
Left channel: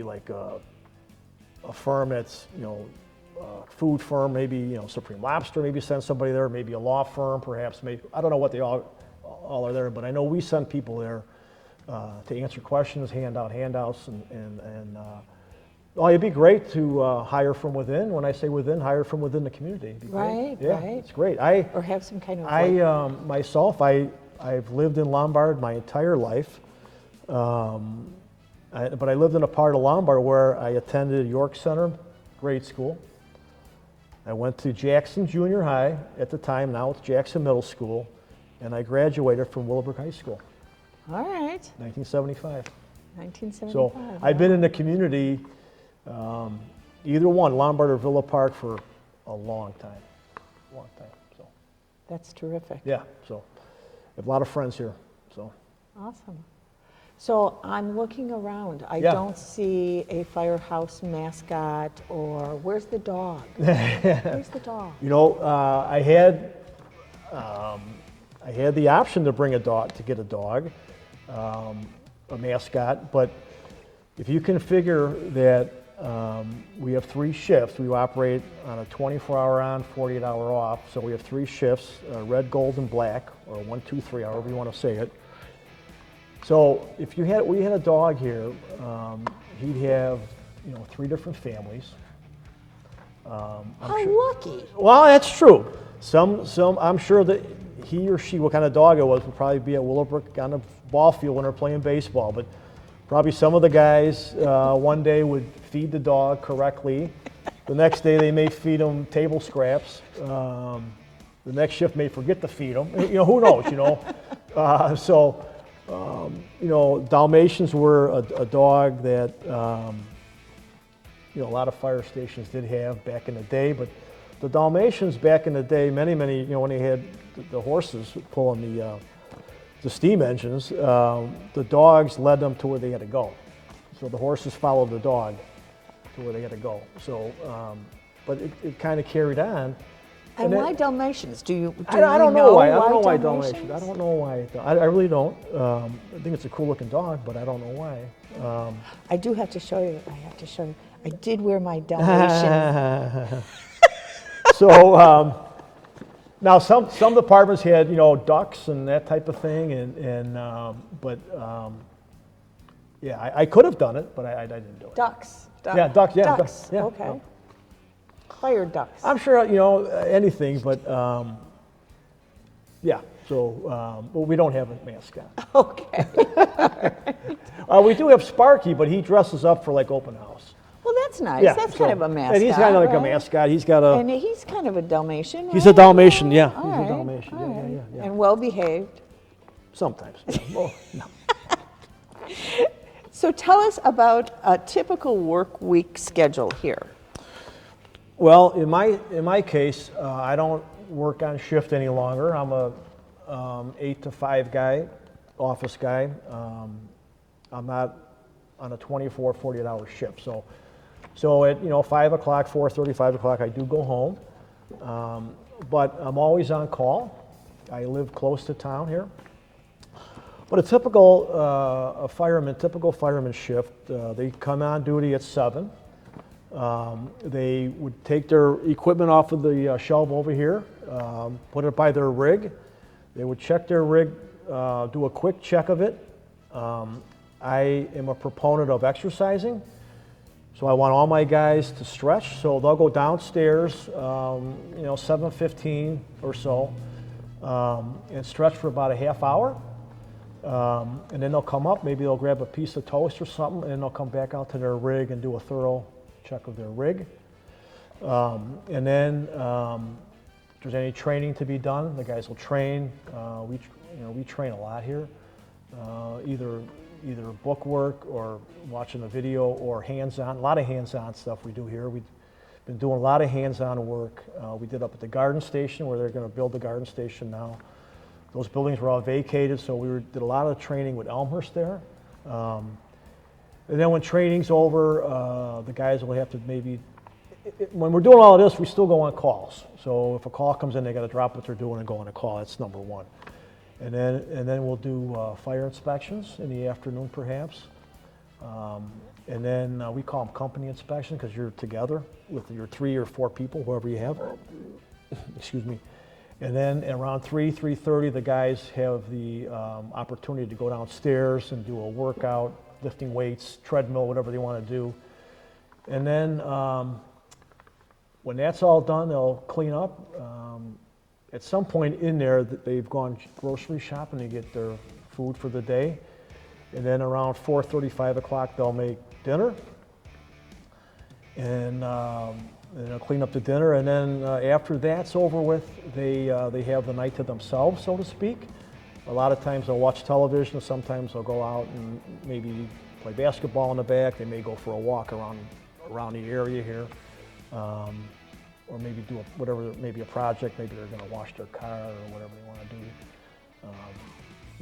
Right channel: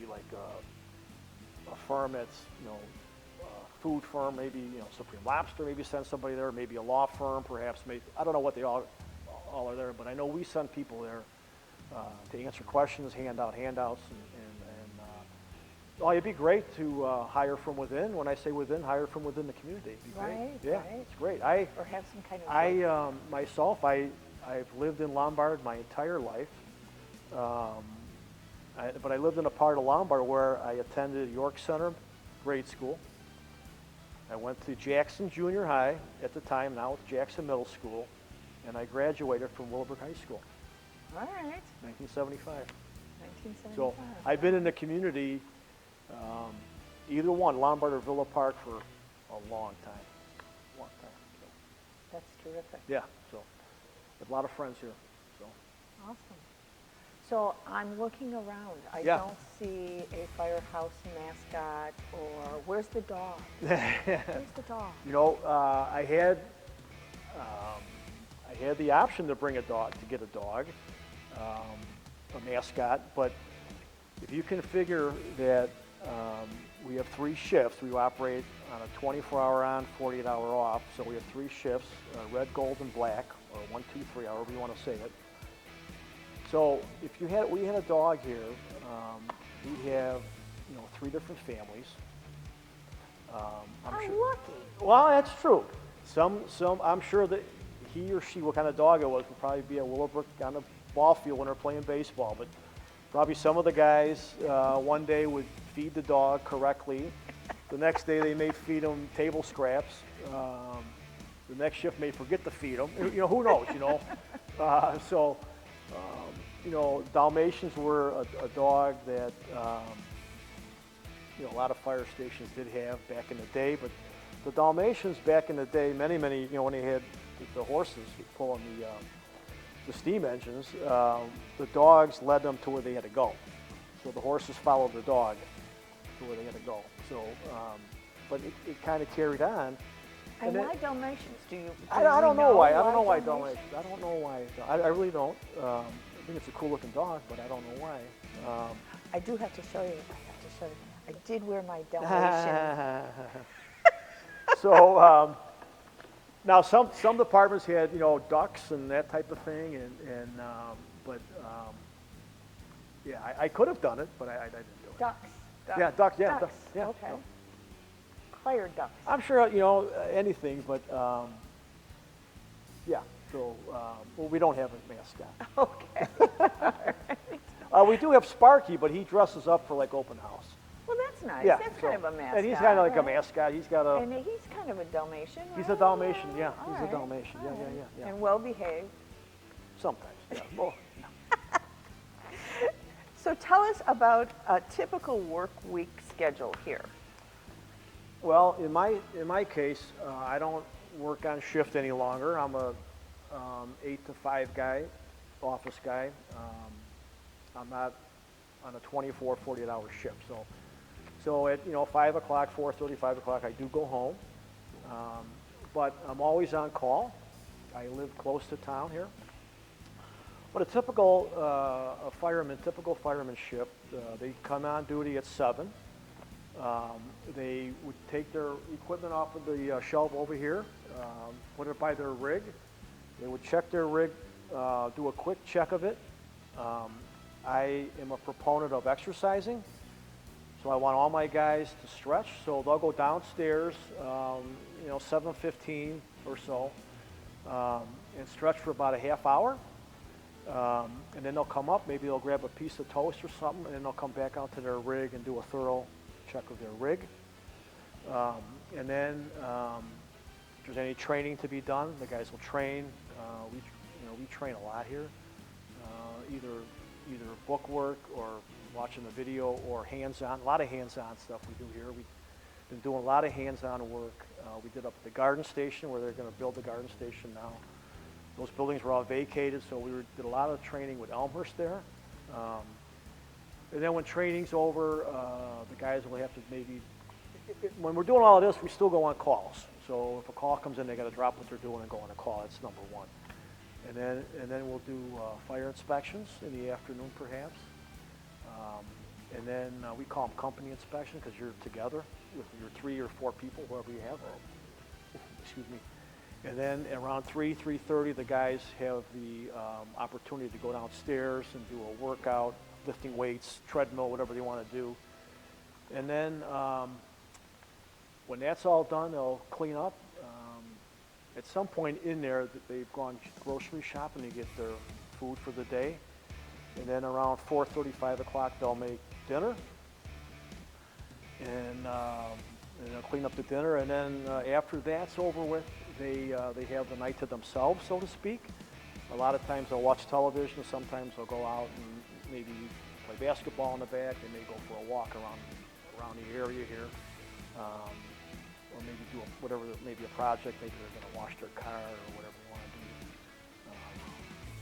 like a firm that's food firm, maybe Supreme Lobster, maybe send somebody there, maybe a law firm, perhaps. Maybe I don't know what they all are there, but I know we send people there to answer questions, hand out handouts, and oh, it'd be great to hire from within. When I say within, hire from within the community. It'd be great. Right, Yeah, right. it's great. or have some kind of Myself, I've lived in Lombard my entire life, but I lived in a part of Lombard where I attended York Center grade school. I went to Jackson Junior High at the time, now it's Jackson Middle School, and I graduated from Willowbrook High School, All right. 1975. 1975. So I've been in the community, either one, Lombard or Villa Park, for a long time. So, That's terrific. yeah, so I have a lot of friends here. So Awesome. So I'm looking around. I Yeah. don't see a firehouse mascot, or where's the dog? Where's the dog? I had the option to get a dog, a mascot, but if you can figure that we have 3 shifts, we operate on a 24-hour on, 48-hour off, so we have 3 shifts, red, gold, and black, or 1, 2, 3, however you want to say it. So if we had a dog here, he'd have 3 different families. How lucky. Well, that's true. Some I'm sure that he or she, what kind of dog it was, would probably be at Willowbrook on the ball field when they're playing baseball. But probably some of the guys one day would feed the dog correctly. The next day they may feed him table scraps. The next shift may forget to feed him. Who knows? Dalmatians were a dog that a lot of fire stations did have back in the day. But the Dalmatians back in the day, many, when they had the horses pulling the steam engines, the dogs led them to where they had to go. So the horses followed the dog to where they had to go. So, but it kind of carried on. And then- why Dalmatians? Do you I don't know why. I don't know why Dalmatians? Dalmatians. I don't know why. I really don't. I think it's a cool looking dog, but I don't know why. I do have to show you. I did wear my Dalmatian. So now some departments had ducks and that type of thing, but yeah, I could have done it, but I didn't do it. Ducks. Yeah, ducks. Yeah, Ducks. yeah. Okay. Hired ducks. I'm sure anything, but yeah. So well, we don't have a mascot. Okay. We do have Sparky, but he dresses up for like open house. Well, that's nice. Yeah, That's so- kind of a mascot. And he's kind of like a right? mascot. He's got a. And he's kind of a Dalmatian. He's right? a Dalmatian, yeah. All He's right, a Dalmatian. all Yeah, right. yeah. And well behaved. Sometimes. Yeah. Oh, no. So tell us about a typical work week schedule here. Well, in my case, I don't work on shift any longer. I'm a 8 to 5 guy, office guy. I'm not on a 24, 48-hour shift. So at 5 o'clock, 4:30, 5 o'clock, I do go home. But I'm always on call. I live close to town here. But typical fireman shift, they come on duty at 7. They would take their equipment off of the shelf over here, put it by their rig. They would check their rig, do a quick check of it. I am a proponent of exercising, so I want all my guys to stretch. So they'll go downstairs, 7:15 or so, and stretch for about a half hour. And then they'll come up, maybe they'll grab a piece of toast or something, and then they'll come back out to their rig and do a thorough check of their rig. And then if there's any training to be done, the guys will train. We train a lot here, either book work or watching a video or hands-on. A lot of hands-on stuff we do here. We've been doing a lot of hands-on work. We did up at the garden station where they're going to build the garden station now. Those buildings were all vacated, so did a lot of training with Elmhurst there. And then when training's over, the guys will have to when we're doing all of this, we still go on calls. So if a call comes in, they got to drop what they're doing and go on a call. That's number one. And then we'll do fire inspections in the afternoon, perhaps. And then we call them company inspection because you're together with your 3 or 4 people, whoever you have. Excuse me. And then around 3:30, the guys have the opportunity to go downstairs and do a workout, lifting weights, treadmill, whatever they want to do. And then when that's all done, they'll clean up. At some point in there, they've gone grocery shopping to get their food for the day. And then around 4:30, 5 o'clock, they'll make dinner. And they'll clean up the dinner. And then after that's over with, they have the night to themselves, so to speak. A lot of times they'll watch television. Sometimes they'll go out and maybe play basketball in the back. They may go for a walk around the area here. Or maybe do maybe a project, maybe they're going to wash their car or whatever they want to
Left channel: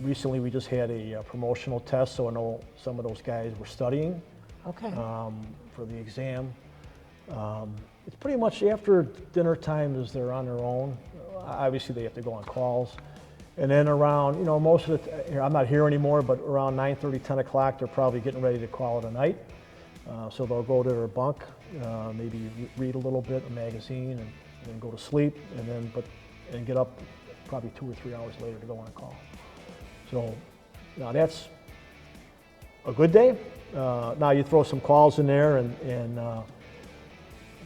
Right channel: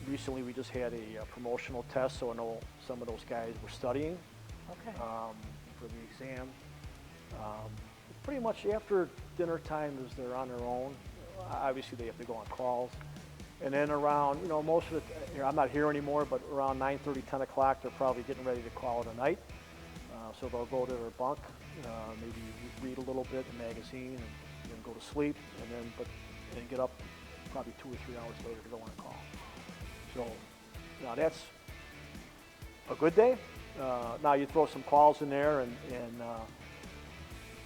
do. Recently we just had a promotional test, so I know some of those guys were studying for the exam. It's pretty much after dinner time is they're on their own. Obviously they have to go on calls. And then around, most of it, I'm not here anymore, but around 9:30, 10 o'clock, they're probably getting ready to call it a night. So they'll go to their bunk, maybe read a little bit, a magazine, and then go to sleep, and get up probably 2 or 3 hours later to go on call. So now that's a good day. Now you throw some calls in there, and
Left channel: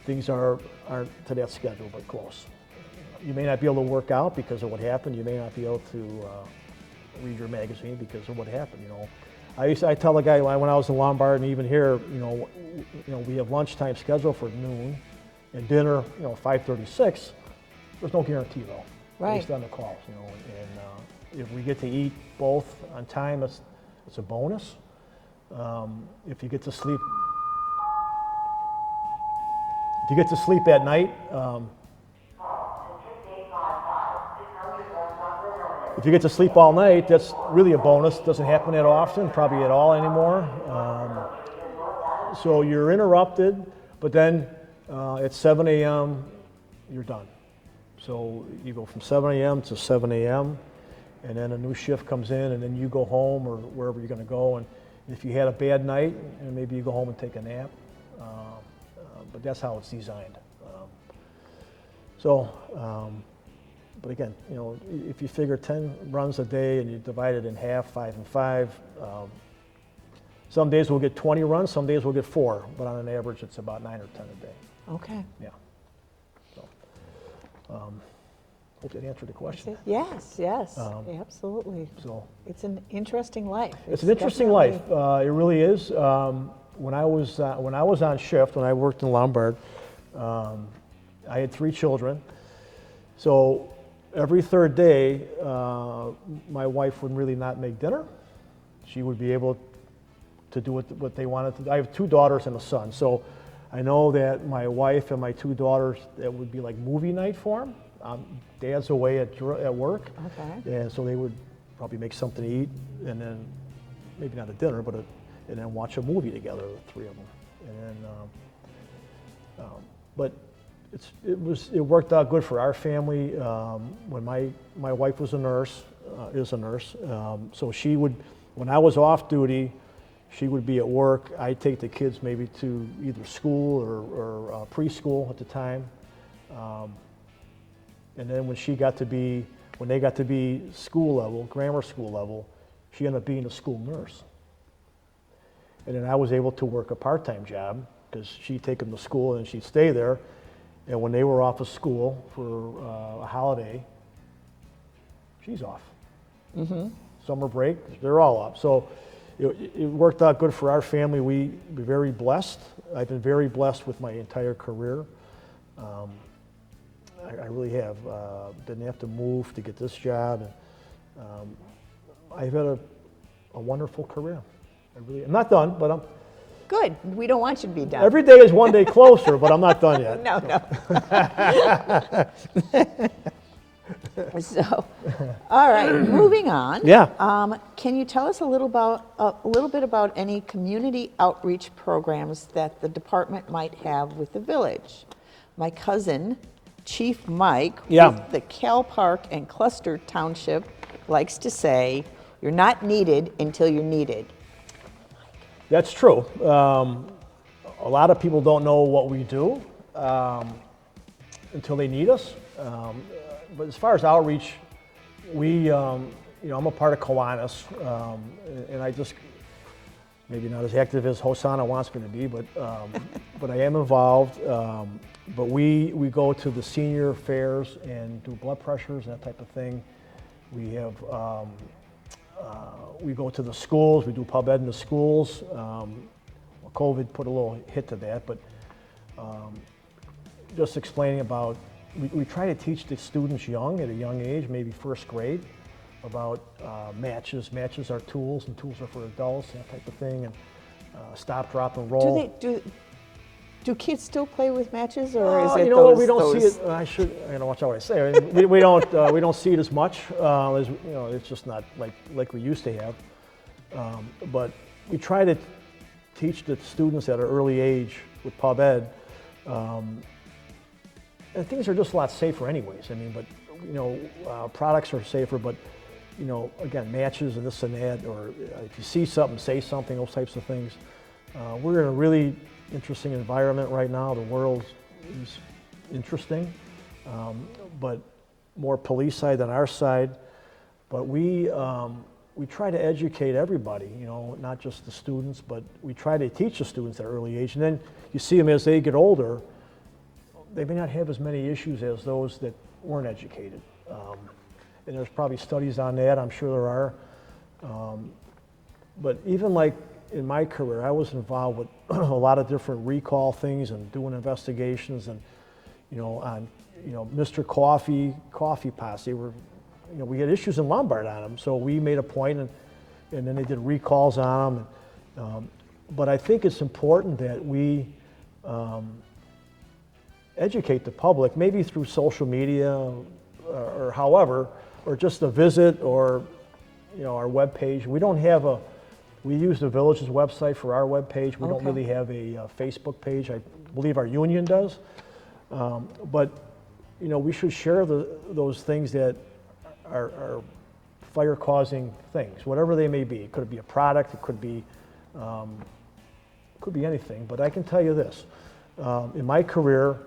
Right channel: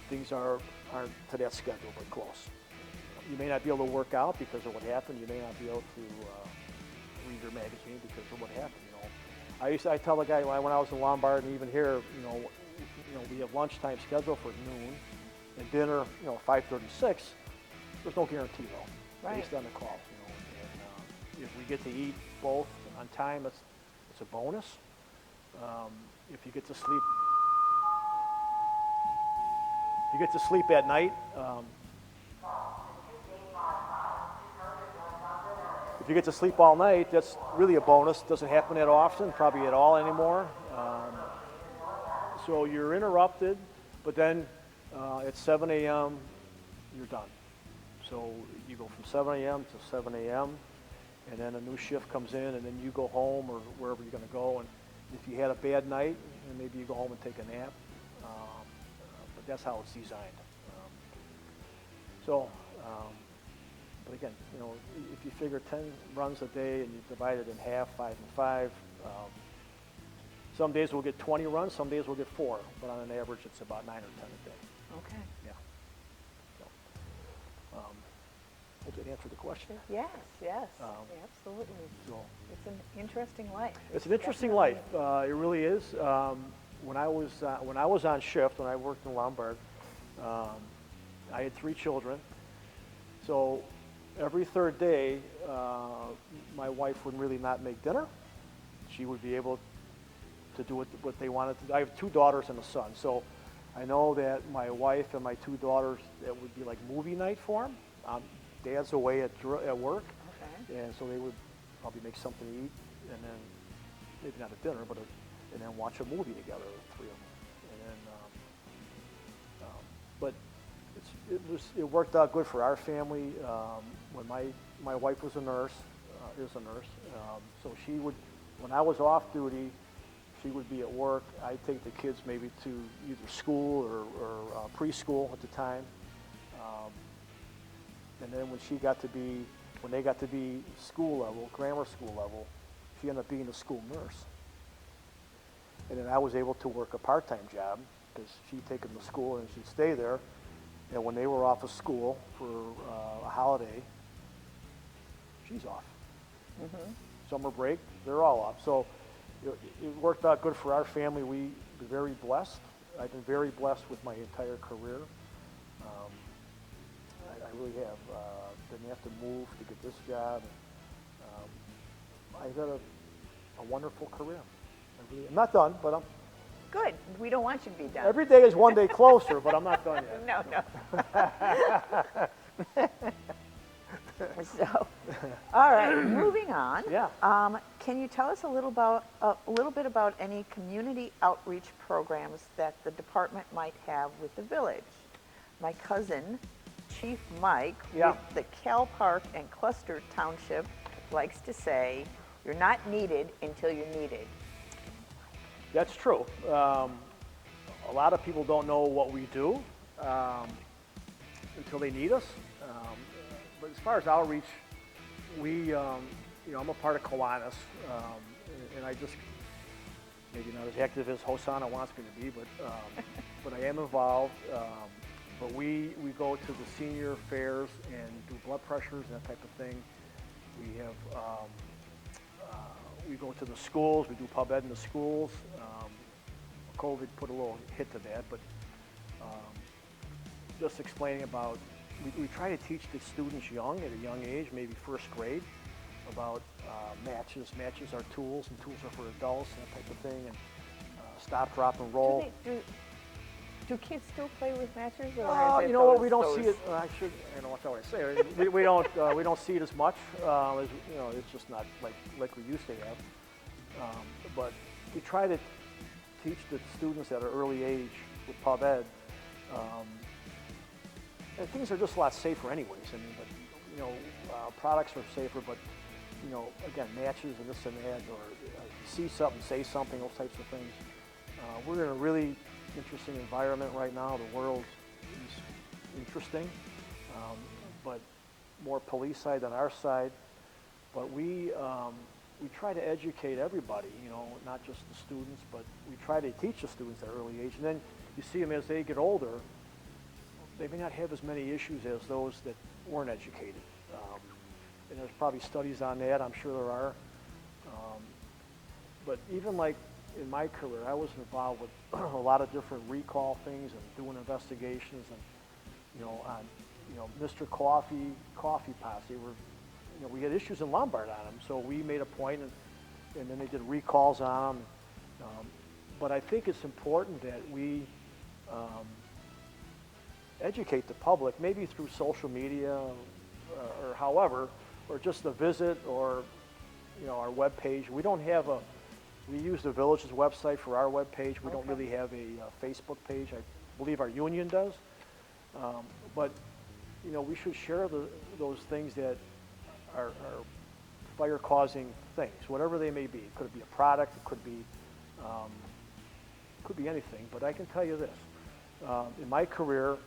things aren't to that schedule, but close. You may not be able to work out because of what happened. You may not be able to read your magazine because of what happened. I tell the guy when I was in Lombard and even here, we have lunchtime scheduled for noon and dinner, 5:36. There's no guarantee though. Right. Based on the calls, and if we get to eat both on time, it's a bonus. If you get to sleep at night. If you get to sleep all night, that's really a bonus. Doesn't happen that often, probably at all anymore. So you're interrupted, but then at 7 a.m. you're done. So you go from 7 a.m. to 7 a.m. and then a new shift comes in, and then you go home or wherever you're going to go. And if you had a bad night, and maybe you go home and take a nap. But that's how it's designed. But again, if you figure 10 runs a day and you divide it in half, 5 and 5, some days we'll get 20 runs, some days we'll get 4, but on an average it's about 9 or 10 a day. Okay. Yeah. So, hope that answered the question. Yes, absolutely. So It's an interesting life. it's an interesting life. It really is. When I was on shift, when I worked in Lombard, I had 3 children. So every third day, my wife would really not make dinner. She would be able to do what they wanted to do. I have 2 daughters and a son, so I know that my wife and my 2 daughters, it would be like movie night for them. Dad's away at work, Okay. and so they would probably make something to eat, and then maybe not a dinner, and then watch a movie together, the 3 of them. But it worked out good for our family. When my wife was a nurse, is a nurse. So she would, when I was off duty, she would be at work. I'd take the kids maybe to either school or preschool at the time. And then when they got to be school level, grammar school level, she ended up being a school nurse. And then I was able to work a part-time job because she'd take them to school and she'd stay there. And when they were off of school for a holiday, she's off. Summer break, they're all off. So it worked out good for our family. We were very blessed. I've been very blessed with my entire career. I really have. Didn't have to move to get this job. I've had a wonderful career. I'm not done, but Good. We don't want you to be done. every day is one day closer, but I'm not done yet. No, no. So, all right, moving on. Yeah. Can you tell us a little bit about any community outreach programs that the department might have with the village? My cousin, Chief Mike, Yeah. with the Cal Park and Cluster Township, likes to say, "You're not needed until you're needed." That's true. A lot of people don't know what we do until they need us. But as far as outreach, I'm a part of Kiwanis, and I just maybe not as active as Hosanna wants me to be, but I am involved. But we go to the senior fairs and do blood pressures and that type of thing. We have. We go to the schools, we do pub ed in the schools. COVID put a little hit to that, but just explaining about, we try to teach the students at a young age, maybe first grade, about matches. Matches are tools, and tools are for adults, and that type of thing, and stop, drop, and roll. Do kids still play with matches, or is it we don't see it. I don't watch what I say. I mean, we don't see it as much. As it's just not like we used to have. But we try to teach the students at an early age with pub ed. And things are just a lot safer, anyways. I mean, but products are safer. But again, matches and this and that, or if you see something, say something. Those types of things. We're in a really interesting environment right now. The world is interesting, but more police side than our side. But we try to educate everybody, not just the students, but we try to teach the students at an early age. And then you see them as they get older, they may not have as many issues as those that weren't educated. And there's probably studies on that, I'm sure there are. But even like in my career, I was involved with a lot of different recall things and doing investigations, and on Mr. Coffee Pots. They were, we had issues in Lombard on them, so we made a point, and then they did recalls on them. But I think it's important that we educate the public, maybe through social media or however, or just a visit, or our webpage. We use the village's website for our webpage. We don't really have a Facebook page. I believe our union does. But we should share those things that are fire-causing things, whatever they may be. It could be a product. It could be anything. But I can tell you this: in my career,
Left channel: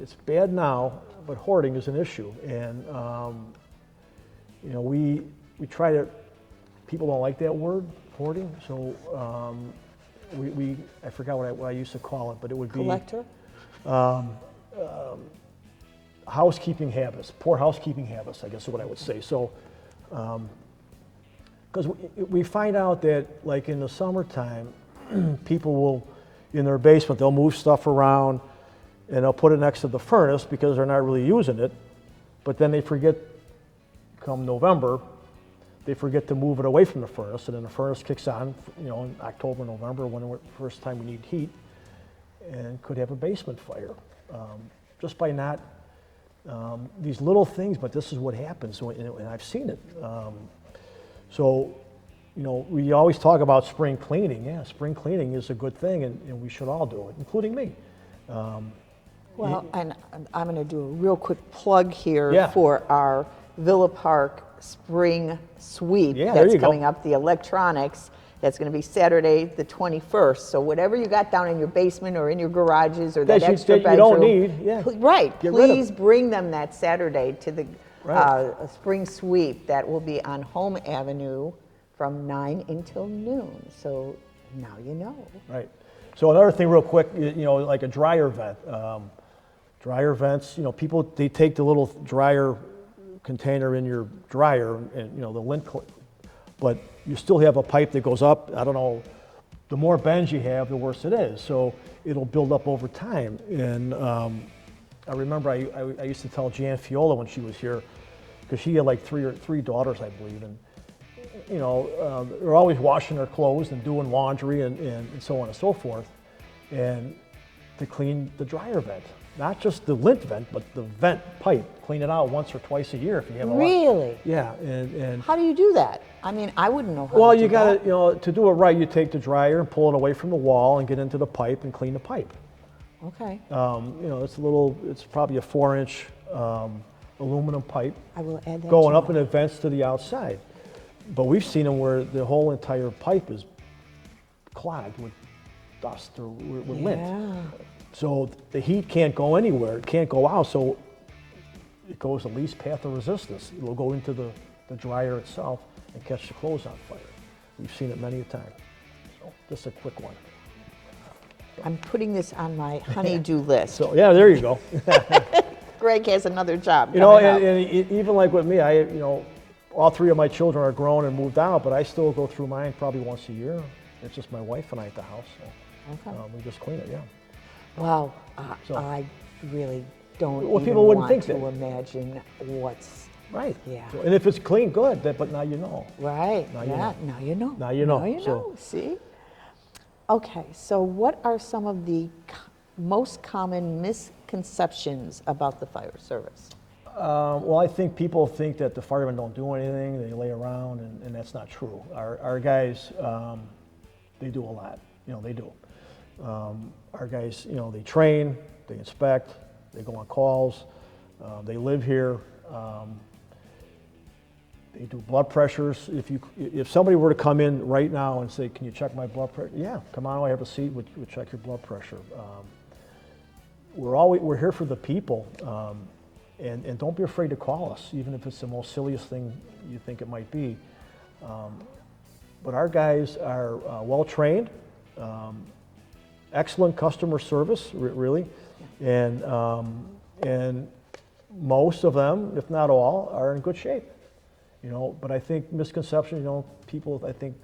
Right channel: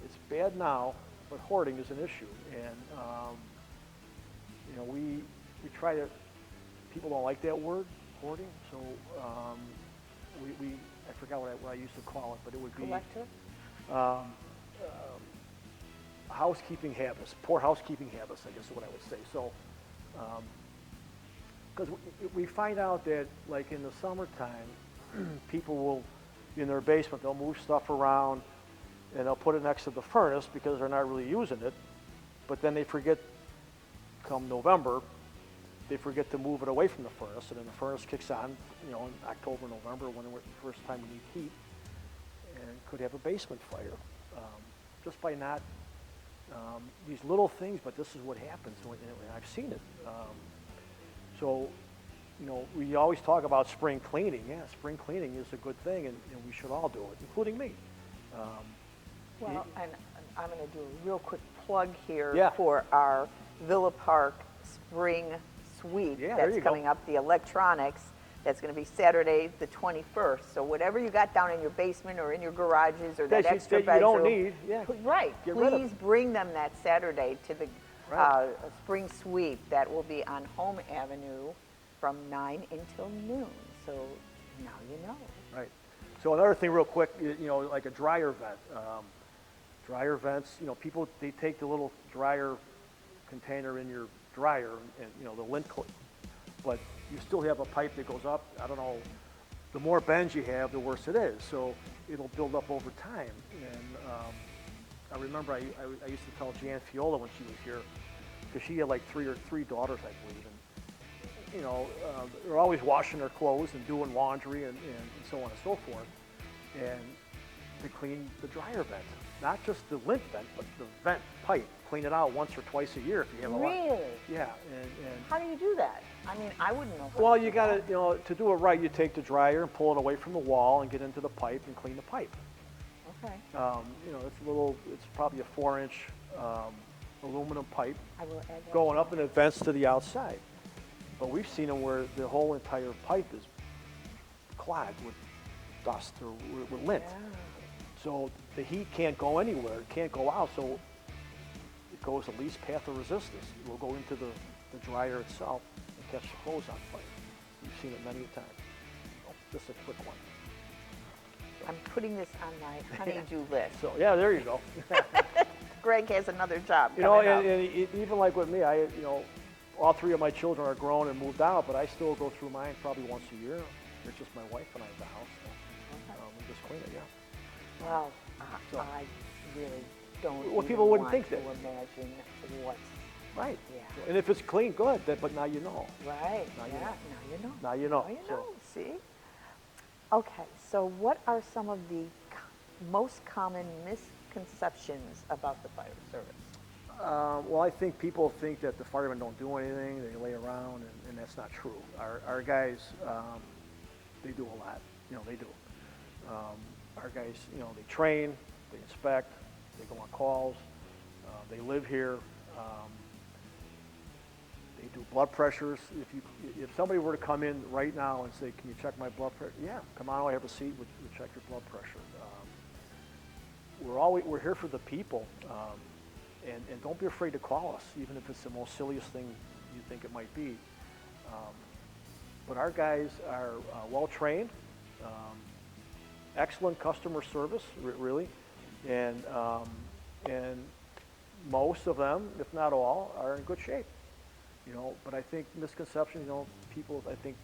it's bad now, but hoarding is an issue, and we try to. People don't like that word, hoarding. So I forgot what I used to call it, but it would be collector. Housekeeping habits, poor housekeeping habits, I guess is what I would say. So, because we find out that, like in the summertime, people will, in their basement, they'll move stuff around, and they'll put it next to the furnace because they're not really using it, but then they forget, come November, they forget to move it away from the furnace, and then the furnace kicks on, in October, November, when the first time you need heat, and could have a basement fire, just by not, these little things, but this is what happens, and I've seen it. So, we always talk about spring cleaning. Yeah, spring cleaning is a good thing, and we should all do it, including me. Well, and I'm going to do a real quick plug here Yeah. for our Villa Park Spring Sweep Yeah, there that's you go. coming up, the electronics. That's going to be Saturday, the 21st. So whatever you got down in your basement or in your garages or that That extra you bedroom, don't need, yeah. right? Get rid of Please it. bring them that Saturday to the Right. Spring Sweep that will be on Home Avenue from 9 until noon. So now you know. Right. So another thing real quick, like a dryer vent. Dryer vents, people, they take the little dryer container in your dryer and, the lint, but you still have a pipe that goes up. I don't know, the more bends you have, the worse it is. So it'll build up over time. And I remember I used to tell Jan Fiola when she was here, because she had like three daughters, I believe, and they're always washing their clothes and doing laundry and so on and so forth, and to clean the dryer vent, not just the lint vent, but the vent pipe, clean it out once or twice a year. If you have a lot. Really? Yeah, and How do you do that? I mean, I wouldn't know how well, to do you gotta, that. to do it right, you take the dryer and pull it away from the wall and get into the pipe and clean the pipe. Okay, It's probably a 4-inch aluminum pipe I will add that. going to up my- and it vents to the outside. But we've seen them where the whole entire pipe is clogged with dust or with lint. Yeah. So the heat can't go anywhere, it can't go out, so it goes the least path of resistance. It will go into the dryer itself and catch the clothes on fire. We've seen it many times. So just a quick one. I'm putting this on my honey-do list. So yeah, there you go. Greg has another job You know, coming up. and even like with me, all three of my children are grown and moved out, but I still go through mine probably once a year. It's just my wife and I at the house. So, Okay. we just clean it, yeah. Wow, So- I really don't Well, even people wouldn't want think to that. imagine what's Right. Yeah. And if it's clean, good, but now you know. right. Now you Yeah, know. now you know. Now you know, Now you so- know. See? Okay, so what are some of the most common misconceptions about the fire service? Well, I think people think that the firemen don't do anything, they lay around, and that's not true. Our guys, they do a lot, they do. Our guys, they train, they inspect, they go on calls, they live here. They do blood pressures. If somebody were to come in right now and say, "Can you check my blood pressure?" Yeah, come on, I have a seat. We'll check your blood pressure. We're here for the people, and don't be afraid to call us, even if it's the most silliest thing you think it might be. But our guys are well trained, excellent customer service, really, and most of them, if not all, are in good shape. But I think misconception, people, I think,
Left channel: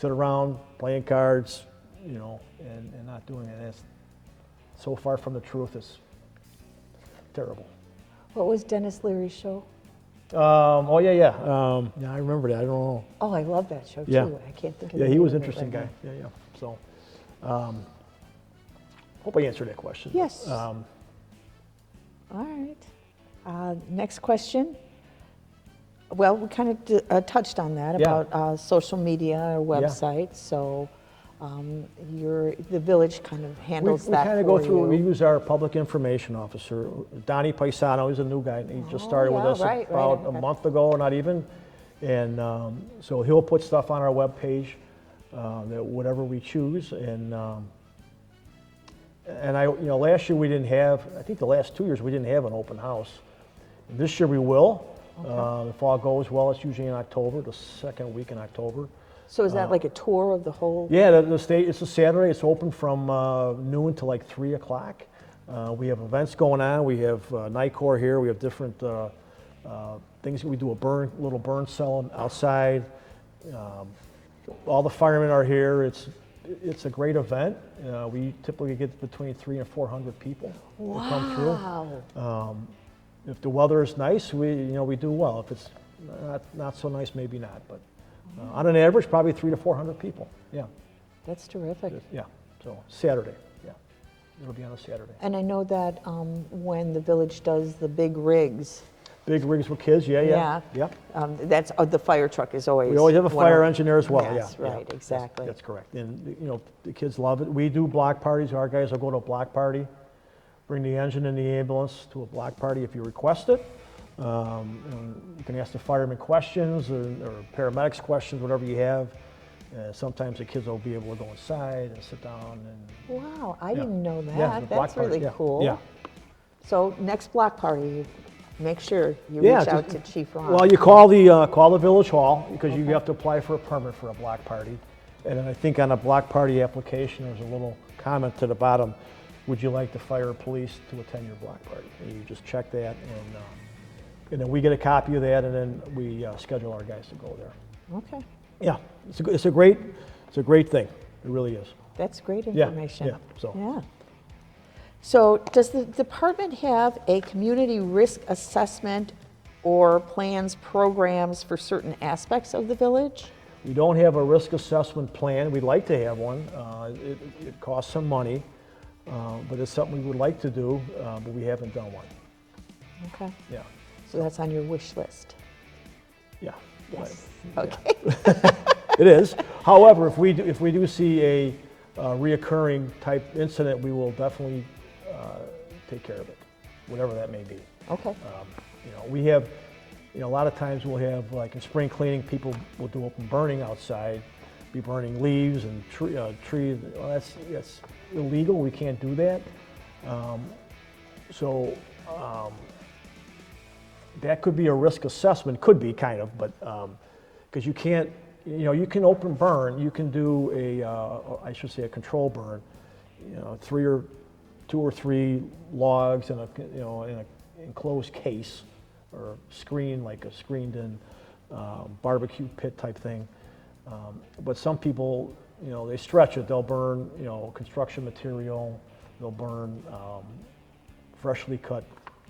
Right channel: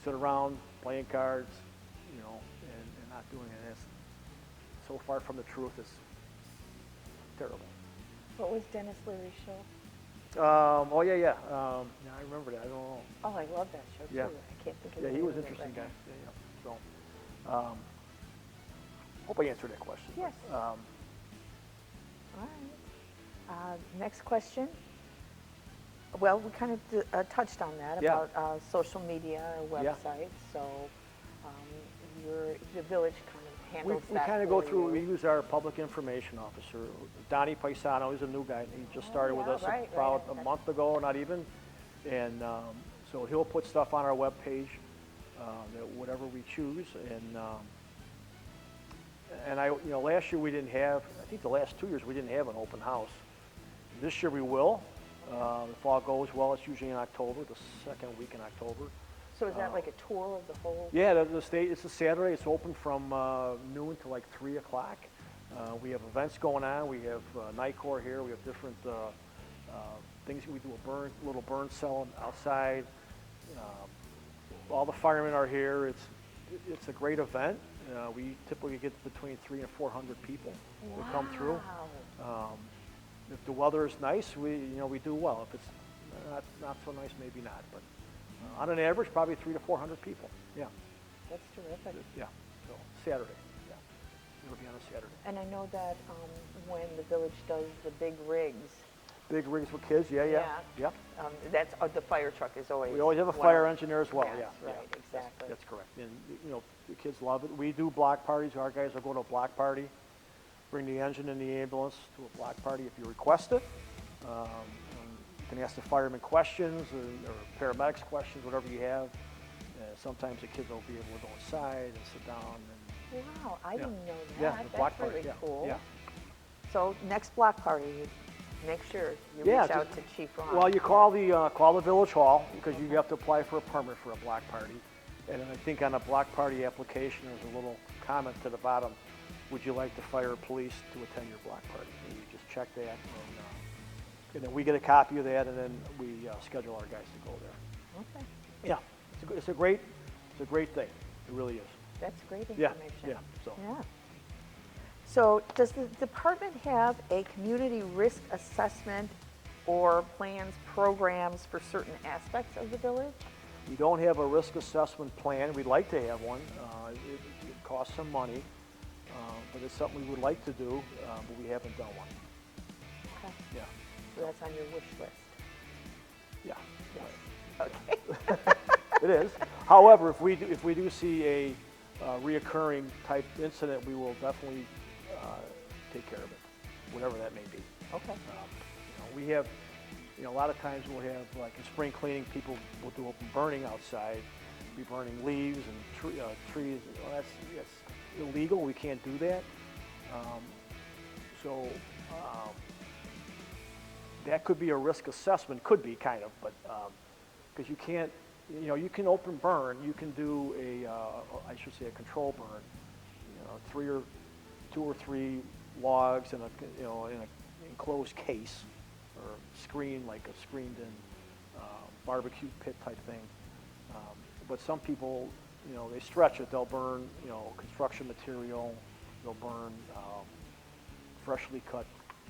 sit around playing cards, and not doing it. That's so far from the truth. It's terrible. What was Dennis Leary's show? Oh yeah. Yeah, I remember that. I don't know. Oh, I love that show Yeah. too. I can't think of Yeah, the he name was an of it interesting right guy. now. Yeah. So, hope I answered that question. Yes. All right. Next question. Well, we kind of touched on that Yeah. about social media or Yeah. websites. So the village kind of handles we that kind of for go through. We you. use our public information officer, Donnie Paisano. He's a new guy. He just started with yeah, us right, about right. a month ago, not even. And so he'll put stuff on our webpage, that whatever we choose. And last year we didn't have. I think the last 2 years we didn't have an open house. This year we will. If all goes well, it's usually in October, the second week in October. So is that like a tour of the whole? Yeah, the state. It's a Saturday. It's open from noon to like 3 o'clock. We have events going on. We have night core here. We have different things. We do a little burn cell outside. All the firemen are here. It's a great event. We typically get between 300 and 400 people that come through. Wow. If the weather is nice, we do well. If it's not so nice, maybe not. But on an average, probably 300 to 400 people. Yeah, That's terrific. yeah. So Saturday, yeah, it'll be on a Saturday. And I know that when the village does the big rigs, Big rigs with kids, yeah. that's the fire truck is always. We always have a one fire of- engineer as well. Yes, yeah. right, exactly. That's correct. And the kids love it. We do block parties. Our guys will go to a block party. bring the engine and the ambulance to a block party if you request it. And you can ask the firemen questions or paramedics questions, whatever you have. Sometimes the kids will be able to go inside and sit down. Wow, I Yeah. didn't know that. Yeah, the block That's party, really yeah, cool. yeah. So next block party, make sure you Yeah, reach out just- to Chief Ron. Well, you call the village hall because you have to apply for a permit for a block party. And I think on a block party application, there's a little comment to the bottom. Would you like the fire or police to attend your block party? And you just check that, and then we get a copy of that, and then we schedule our guys to go there. Okay, Yeah, it's a great thing. It really is. that's great Yeah, information. yeah. So Yeah. So does the department have a community risk assessment or plans, programs for certain aspects of the village? we don't have a risk assessment plan. We'd like to have one. It costs some money, but it's something we would like to do, but we haven't done one. Okay, Yeah, so that's on your wish list. yeah. Yes. Right. Okay. It is. However, if we do see a reoccurring type incident, we will definitely take care of it, whatever that may be. Okay. We have, a lot of times we'll have, like in spring cleaning, people will do open burning outside, be burning leaves and trees. Well, that's illegal. We can't do that. So that could be a risk assessment. Could be kind of, but because you can't, you can open burn. You can do I should say a control burn. Two or three logs in in an enclosed case or screen, like a screened-in barbecue pit type thing. But some people, they stretch it. They'll burn, construction material. They'll burn freshly cut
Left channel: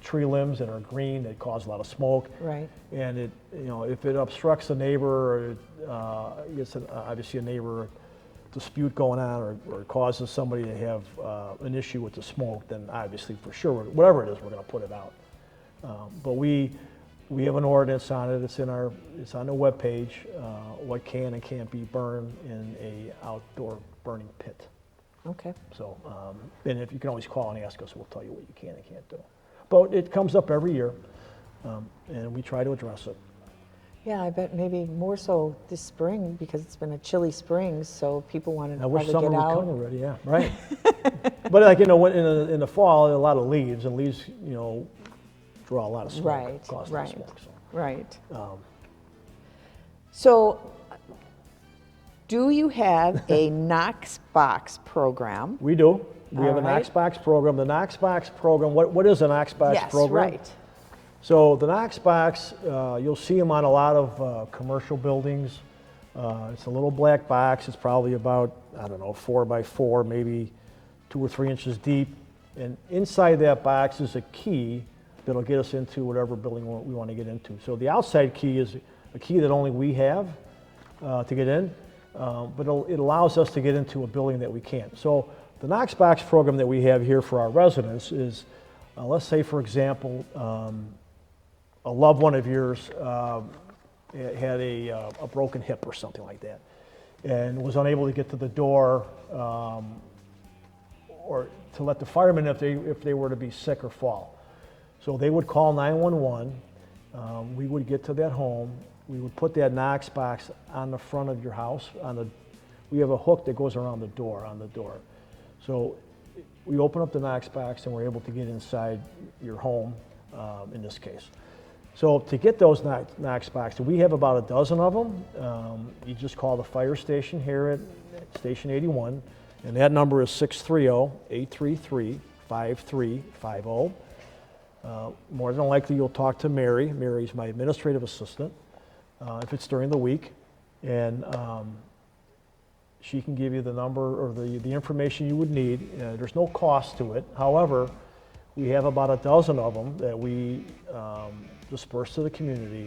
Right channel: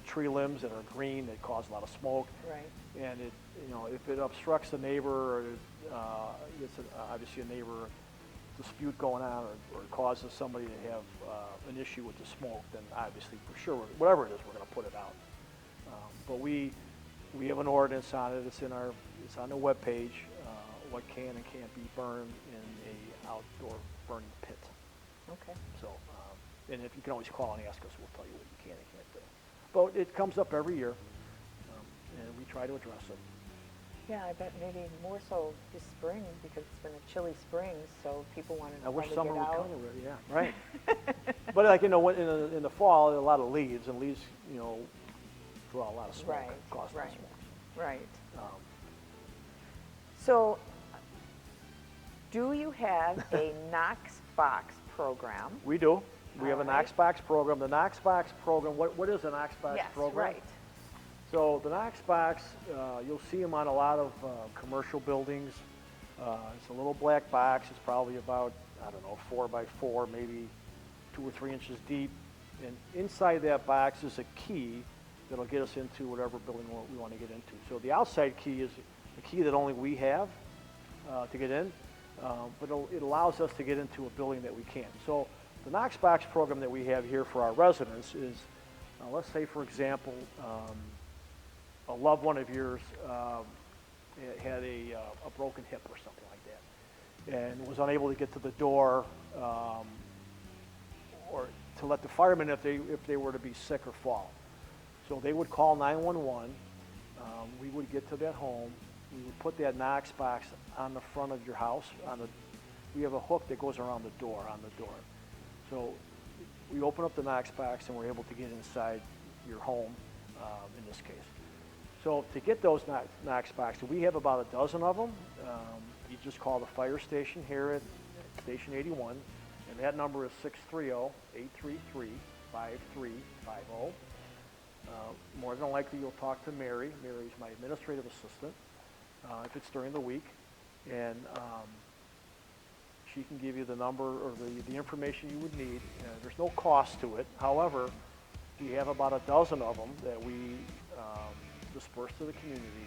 tree limbs that are green. They cause a lot of smoke. Right. And it, if it obstructs a neighbor, or it's obviously a neighbor dispute going on, or causes somebody to have an issue with the smoke, then obviously for sure, whatever it is, we're going to put it out. But we have an ordinance on it. It's on the webpage. What can and can't be burned in a outdoor burning pit. Okay. So, and if you can always call and ask us, we'll tell you what you can and can't do. But it comes up every year, and we try to address it. Yeah, I bet maybe more so this spring because it's been a chilly spring, so people want to I probably wish get summer would come out. already. Yeah, right. But like in the fall, a lot of leaves, and leaves draw a lot of smoke. Right, Cause a lot of right. smoke. Right. So, So, do you have a Knox box program? we do. We have a All right. Knox Box program. The Knox Box program. What is a Knox Box Yes, program? right. So the Knox Box, you'll see them on a lot of commercial buildings. It's a little black box. It's probably about, 4 by 4, maybe 2 or 3 inches deep. And inside that box is a key that'll get us into whatever building we want to get into. So the outside key is a key that only we have to get in, but it allows us to get into a building that we can't. So the Knox Box program that we have here for our residents is, let's say for example, a loved one of yours had a broken hip or something like that, and was unable to get to the door, or to let the firemen if they were to be sick or fall. So they would call 911. We would get to that home. We would put that Knox box on the front of your house. We have a hook that goes around the door, on the door. So we open up the Knox box and we're able to get inside your home, in this case. So to get those Knox boxes, we have about a dozen of them. You just call the fire station here at Station 81, and that number is 630-833-5350. More than likely, you'll talk to Mary. Mary's my administrative assistant, if it's during the week, and she can give you the number or the information you would need. There's no cost to it. However, we have about a dozen of them that we disperse to the community,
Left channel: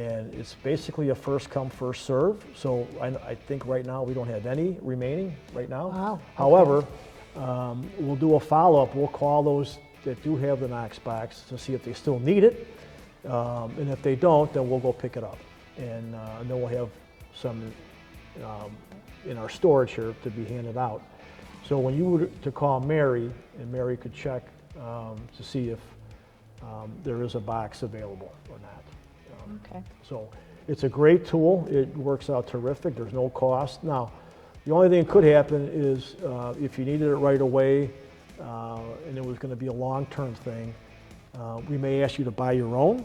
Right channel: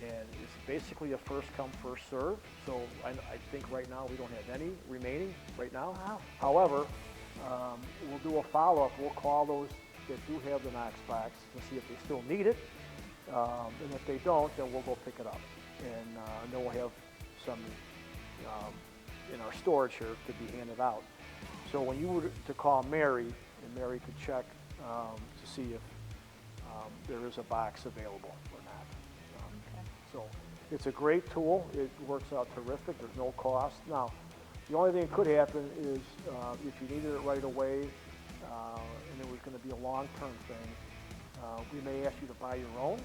and it's basically a first come, first serve. So I think right now we don't have any remaining right now. Wow. However, we'll do a follow-up. We'll call those that do have the Knox box to see if they still need it, and if they don't, then we'll go pick it up, and then we'll have some in our storage here to be handed out. So when you were to call Mary, and Mary could check to see if there is a box available or not. Okay. So it's a great tool. It works out terrific. There's no cost. Now, the only thing that could happen is if you needed it right away and it was going to be a long-term thing, we may ask you to buy your own.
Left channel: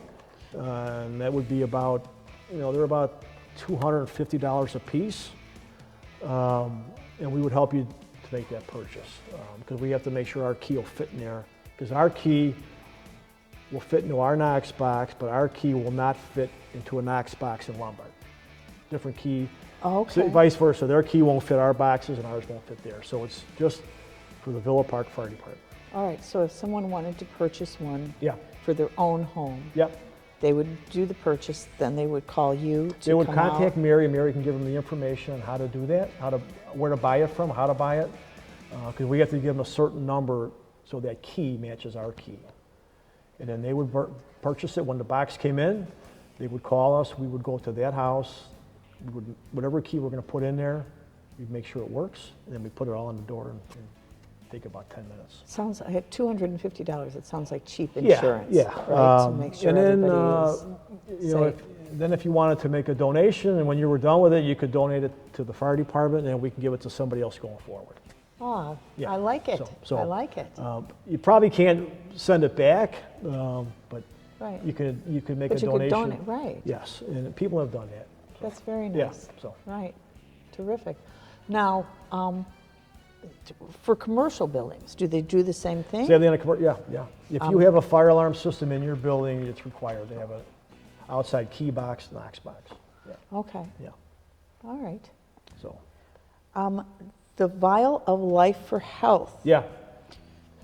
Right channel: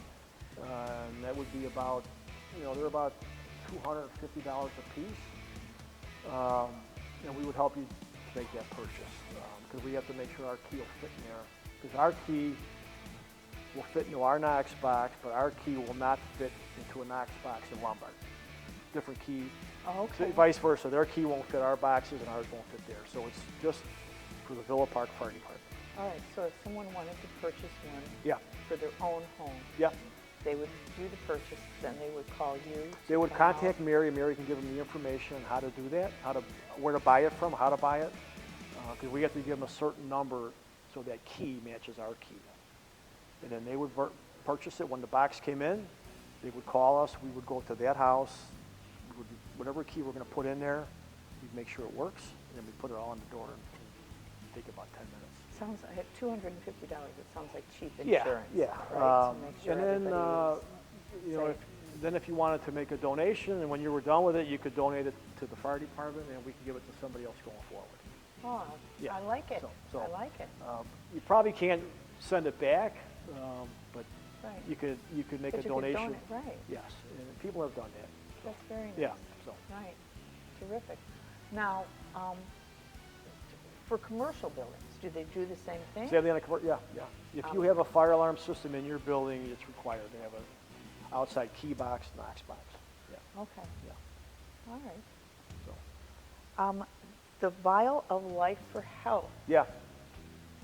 And that would be about, they're about $250 a piece. And we would help you to make that purchase because we have to make sure our key will fit in there. Because our key will fit into our Knox box, but our key will not fit into a Knox box in Lombard. Different key. Oh, So okay. vice versa. Their key won't fit our boxes and ours won't fit there. So it's just for the Villa Park Fire Department. All right, so if someone wanted to purchase one Yeah, for their own home, yeah. they would do the purchase, then they would call you to They would come contact out? Mary. Mary can give them the information on how to do that, where to buy it from, how to buy it. Because we have to give them a certain number so that key matches our key. And then they would purchase it. When the box came in, they would call us. We would go to that house. Whatever key we're going to put in there, we'd make sure it works. And then we put it all on the door and take about 10 minutes. Sounds, I have $250, it sounds like cheap Yeah, insurance. yeah. Right, to make sure and then, everybody is safe. then if you wanted to make a donation, and when you were done with it, you could donate it to the fire department, and we can give it to somebody else going forward. Oh, Yeah, I like it, so- I like it, You probably can't send it back, but right. you could make But a you could donation. donate, right, Yes, and people have done that. that's very Yeah, nice. so. Right, terrific. Now, for commercial buildings, do they do the same thing? Same thing in yeah. If you have a fire alarm system in your building, it's required to have an outside key box, Knox box. Yeah, Okay, yeah. all right. So, The Vial of Life for Health, yeah.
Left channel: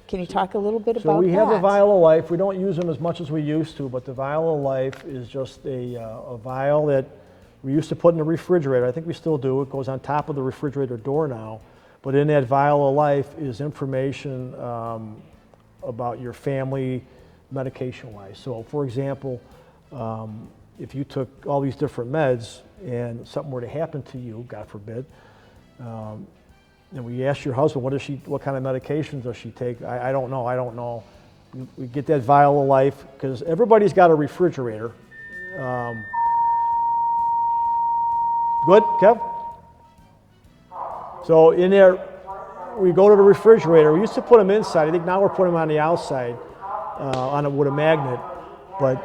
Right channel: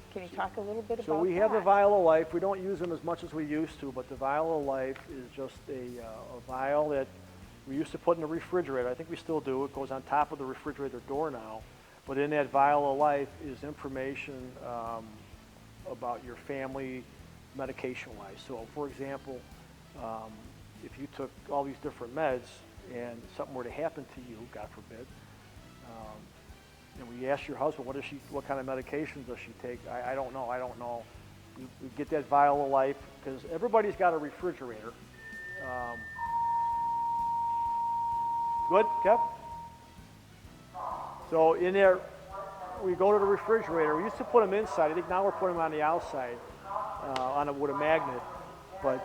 can you talk a little bit So about that? we have the Vial of Life. We don't use them as much as we used to, but the Vial of Life is just a vial that we used to put in the refrigerator. I think we still do. It goes on top of the refrigerator door now. But in that Vial of Life is information about your family medication-wise. So, for example, if you took all these different meds and something were to happen to you, God forbid, and we asked your husband, what kind of medications does she take? I don't know. We get that Vial of Life because everybody's got a refrigerator. Good, Kev? So in there, we go to the refrigerator. We used to put them inside. I think now we're putting them on the outside with a magnet. But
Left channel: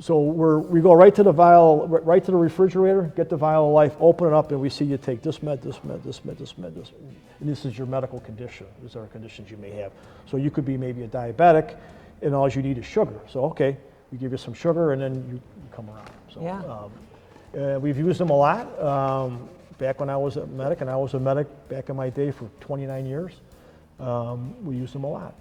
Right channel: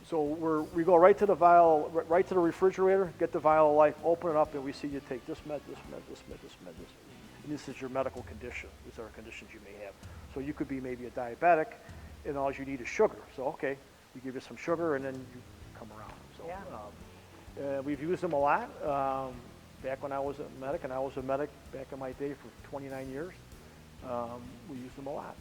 so we go right to the vial, right to the refrigerator, get the Vial of Life, open it up, and we see you take this med, this med, this med, this med, this. And this is your medical condition. These are conditions you may have. So you could be maybe a diabetic, and all you need is sugar. So okay, we give you some sugar, and then you come around. So, Yeah. We've used them a lot. Back when I was a medic, and I was a medic back in my day for 29 years, we used them a lot.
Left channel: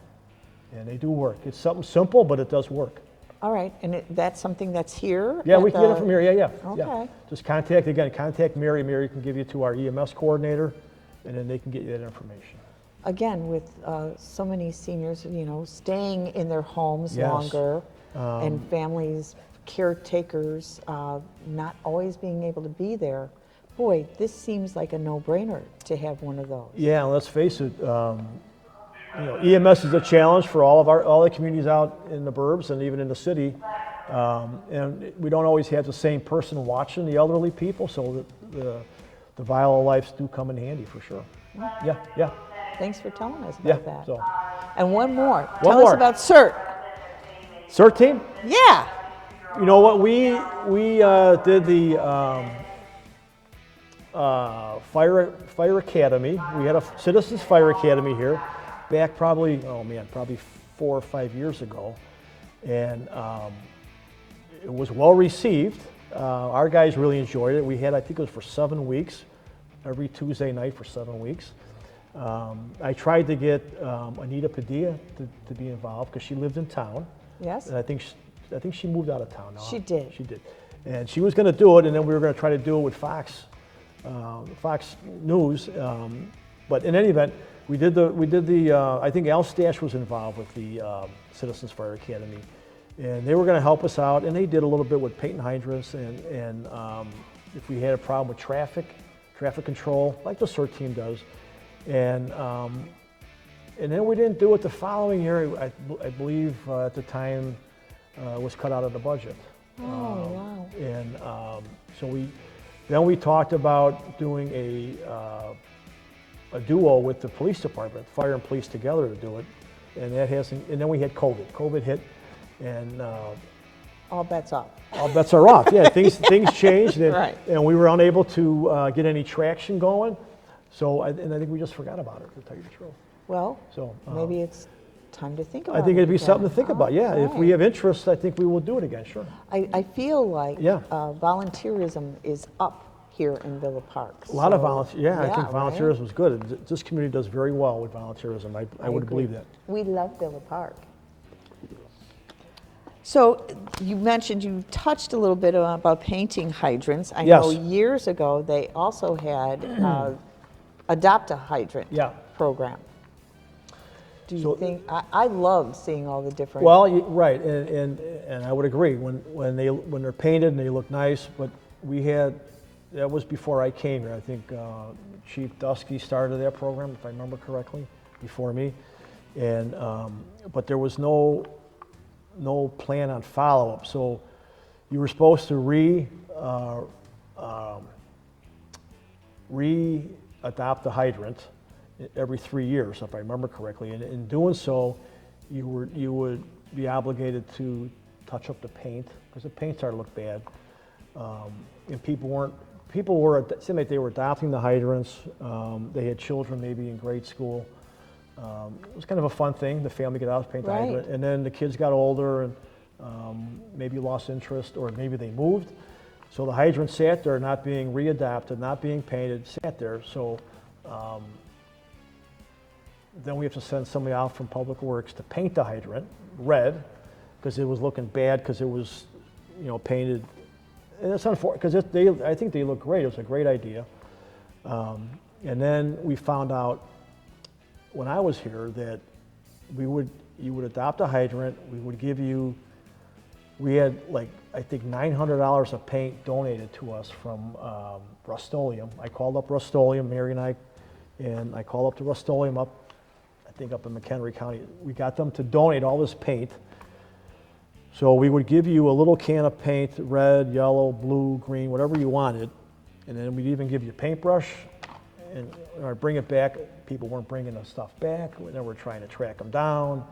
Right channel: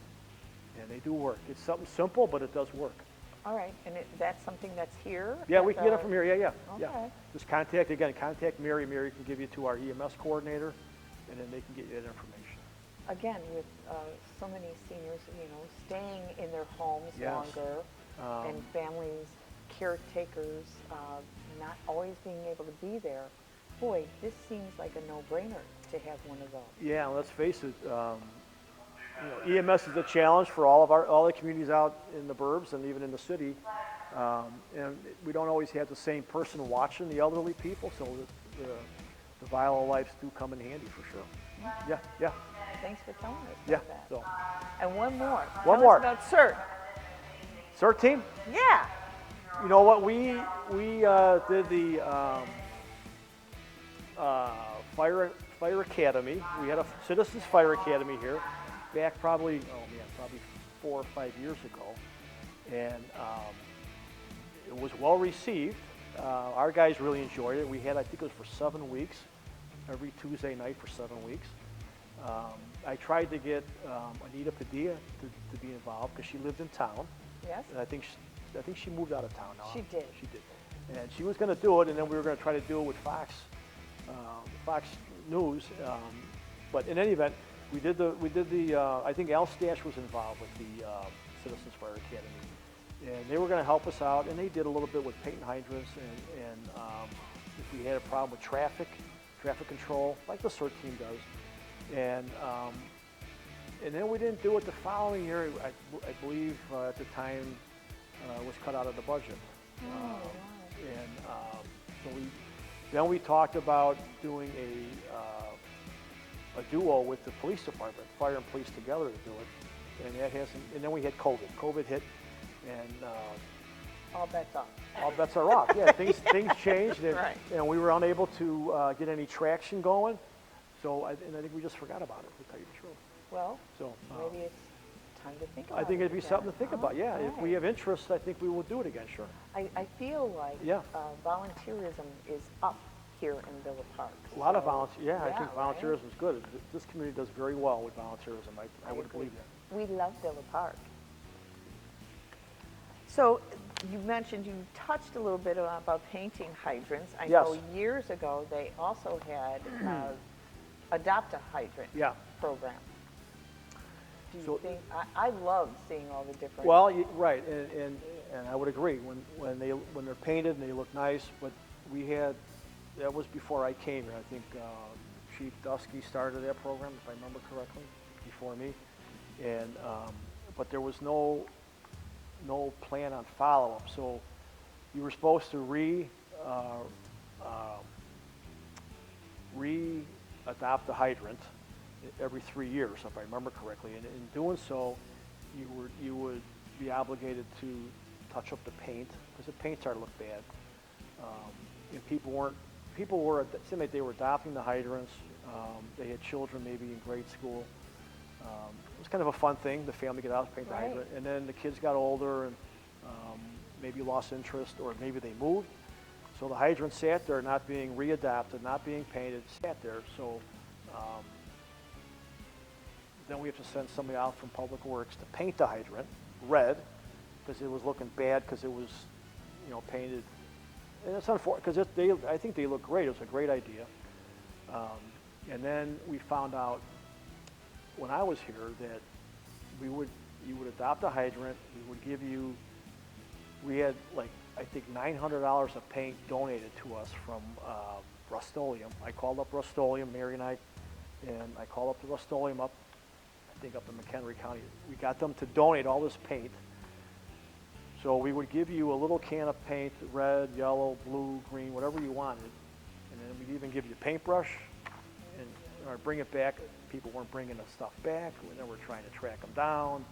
And they do work. It's something simple, but it does work. All right, and that's something that's here? Yeah, at we can get it from here. Yeah. Okay. Just contact Mary. Mary can give you to our EMS coordinator, and then they can get you that information. Again, with so many seniors, staying in their homes Yes. longer, and families, caretakers, not always being able to be there, boy, this seems like a no-brainer to have one of those. Yeah, let's face it. EMS is a challenge for all the communities out in the burbs and even in the city, and we don't always have the same person watching the elderly people. So the Vial of Life do come in handy for sure. Yeah. Thanks for telling us Yeah. about that. So, And one more. One Tell us more. about CERT. CERT team. Yeah. You know what? We did the fire academy. We had a Citizens Fire Academy here back probably 4 or 5 years ago, and it was well received. Our guys really enjoyed it. We had, I think it was for 7 weeks, every Tuesday night for 7 weeks. I tried to get Anita Padilla to be involved because she lived in town. Yes. And I think she moved out of town now. She did. She did. And she was going to do it, and then we were going to try to do it with Fox News. But in any event, we did the. I think Al Stash was involved with the Citizens Fire Academy, and they were going to help us out. And they did a little bit with paint and hydrants, and if we had a problem with traffic control, like the CERT team does. And And then we didn't do it the following year. I believe at the time was cut out of the budget. Oh, wow. And so then we talked about doing a duo with the police department, fire and police together to do it. And that hasn't. And then we had COVID. COVID hit, and All bets off. all bets are off. Yeah, things changed, and, Right. and we were unable to get any traction going. So, and I think we just forgot about it, to tell you the truth. Well, So maybe it's time to think about it. I think it'd be again. something to think about. Yeah, if we Right. have interest, I think we will do it again. Sure. I feel like Yeah. volunteerism is up here in Villa Park. A lot of So, volunteer. Yeah, I think right? volunteerism is good. This community does very well with volunteerism. I would agree. believe that. We love Villa Park. So you mentioned, you touched a little bit about painting hydrants. I know Yes. years ago, they also had adopt a hydrant Yeah. program. Do you So- think, I love seeing all the different. Well, right, and I would agree when they're painted and they look nice. But that was before I came here. I think Chief Dusky started that program, if I remember correctly, before me. And but there was no plan on follow-up. So you were supposed to re-adopt the hydrant every 3 years, if I remember correctly. And in doing so, you would be obligated to touch up the paint, because the paint started to look bad. And it seemed like they were adopting the hydrants. They had children maybe in grade school. It was kind of a fun thing, the family get out, paint the Right. hydrant. And then the kids got older and maybe lost interest, or maybe they moved. So the hydrant sat there, not being readapted, not being painted, sat there. So then we have to send somebody out from Public Works to paint the hydrant red, because it was looking bad, because it was, painted. And it's unfortunate, because I think they look great. It was a great idea. And then we found out when I was here that you would adopt a hydrant. We had like, I think $900 of paint donated to us from Rust-Oleum. I called up Rust-Oleum, Mary and I called up to Rust-Oleum up in McHenry County. We got them to donate all this paint. So we would give you a little can of paint, red, yellow, blue, green, whatever you wanted. And then we'd even give you a paintbrush, or bring it back. People weren't bringing the stuff back. Then we're trying to track them down.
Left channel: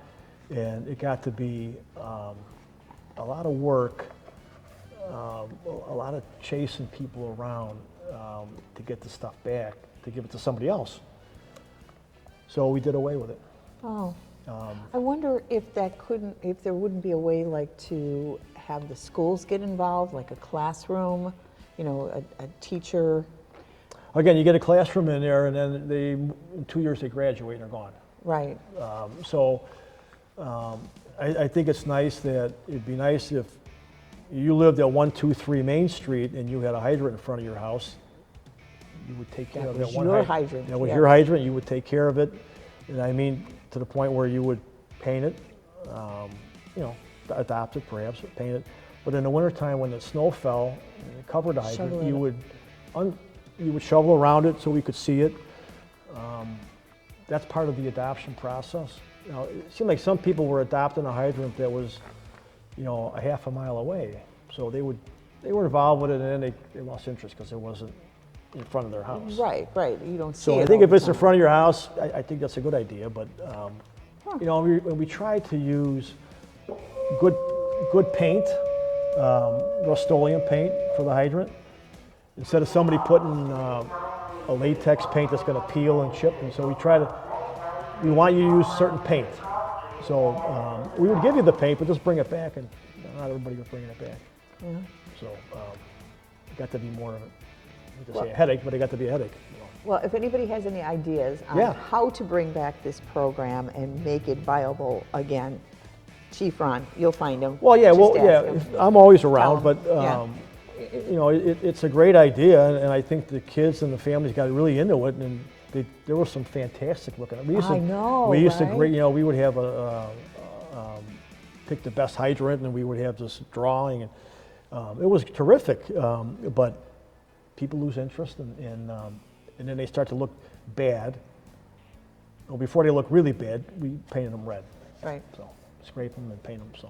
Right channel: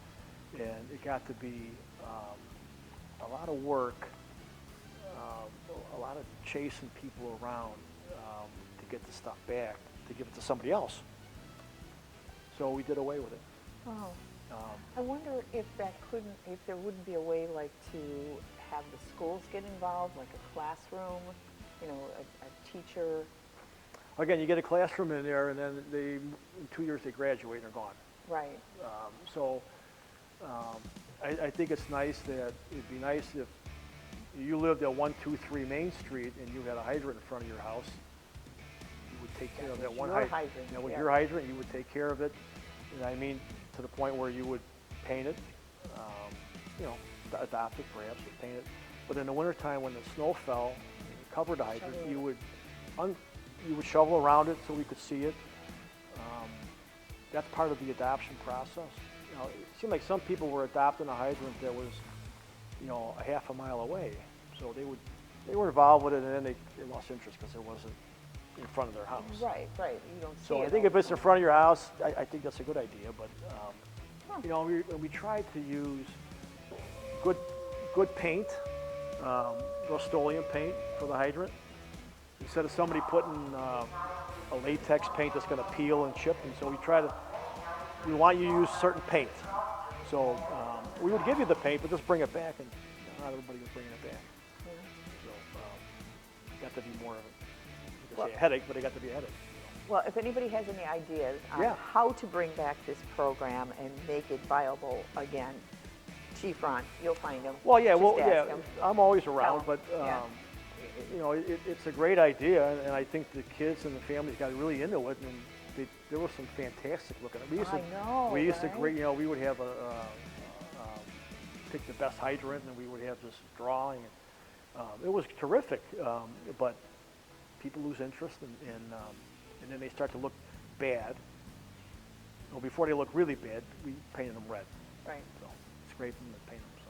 And it got to be a lot of work, a lot of chasing people around to get the stuff back, to give it to somebody else. So we did away with it. Oh, I wonder if there wouldn't be a way like to have the schools get involved, like a classroom, a teacher. Again, you get a classroom in there, and then in 2 years they graduate and they're gone. Right. I think it's nice it'd be nice if you lived at 123 Main Street and you had a hydrant in front of your house. You would take care of that one Your hydrant. That was yeah. your hydrant. You would take care of it, and I mean to the point where you would paint it, adopt it perhaps, paint it. But in the wintertime when the snow fell, covered hydrant, Shovel it you would shovel around it so we could see it. That's part of the adoption process. It seemed like some people were adopting a hydrant that was, a half a mile away. So they were involved with it, and then they lost interest because it wasn't in front of their house. Right. You don't see So it. I think all if the it's in time. front of your house, I think that's a good idea. But we try to use good paint, Rust-Oleum paint for the hydrant, instead of somebody putting a latex paint that's going to peel and chip. And so we want you to use certain paint. So we would give you the paint, but just bring it back, and not everybody would bring it back. Mhm. So it got to be more, you could say a headache, but it got to be a headache. Well, if anybody has any ideas on Yeah. how to bring back this program and make it viable again, Chief Ron, you'll find him. Well, yeah, Just ask him. I'm always around, Tell but him, it's a great idea, and I think the kids and the families got really into it, and there was some fantastic looking. I know, We used to right? we would have pick the best hydrant, and we would have this drawing, and it was terrific. But people lose interest, and then they start to look bad, Well, before they look really bad, we painted them red. Right. So scrape them and paint them. So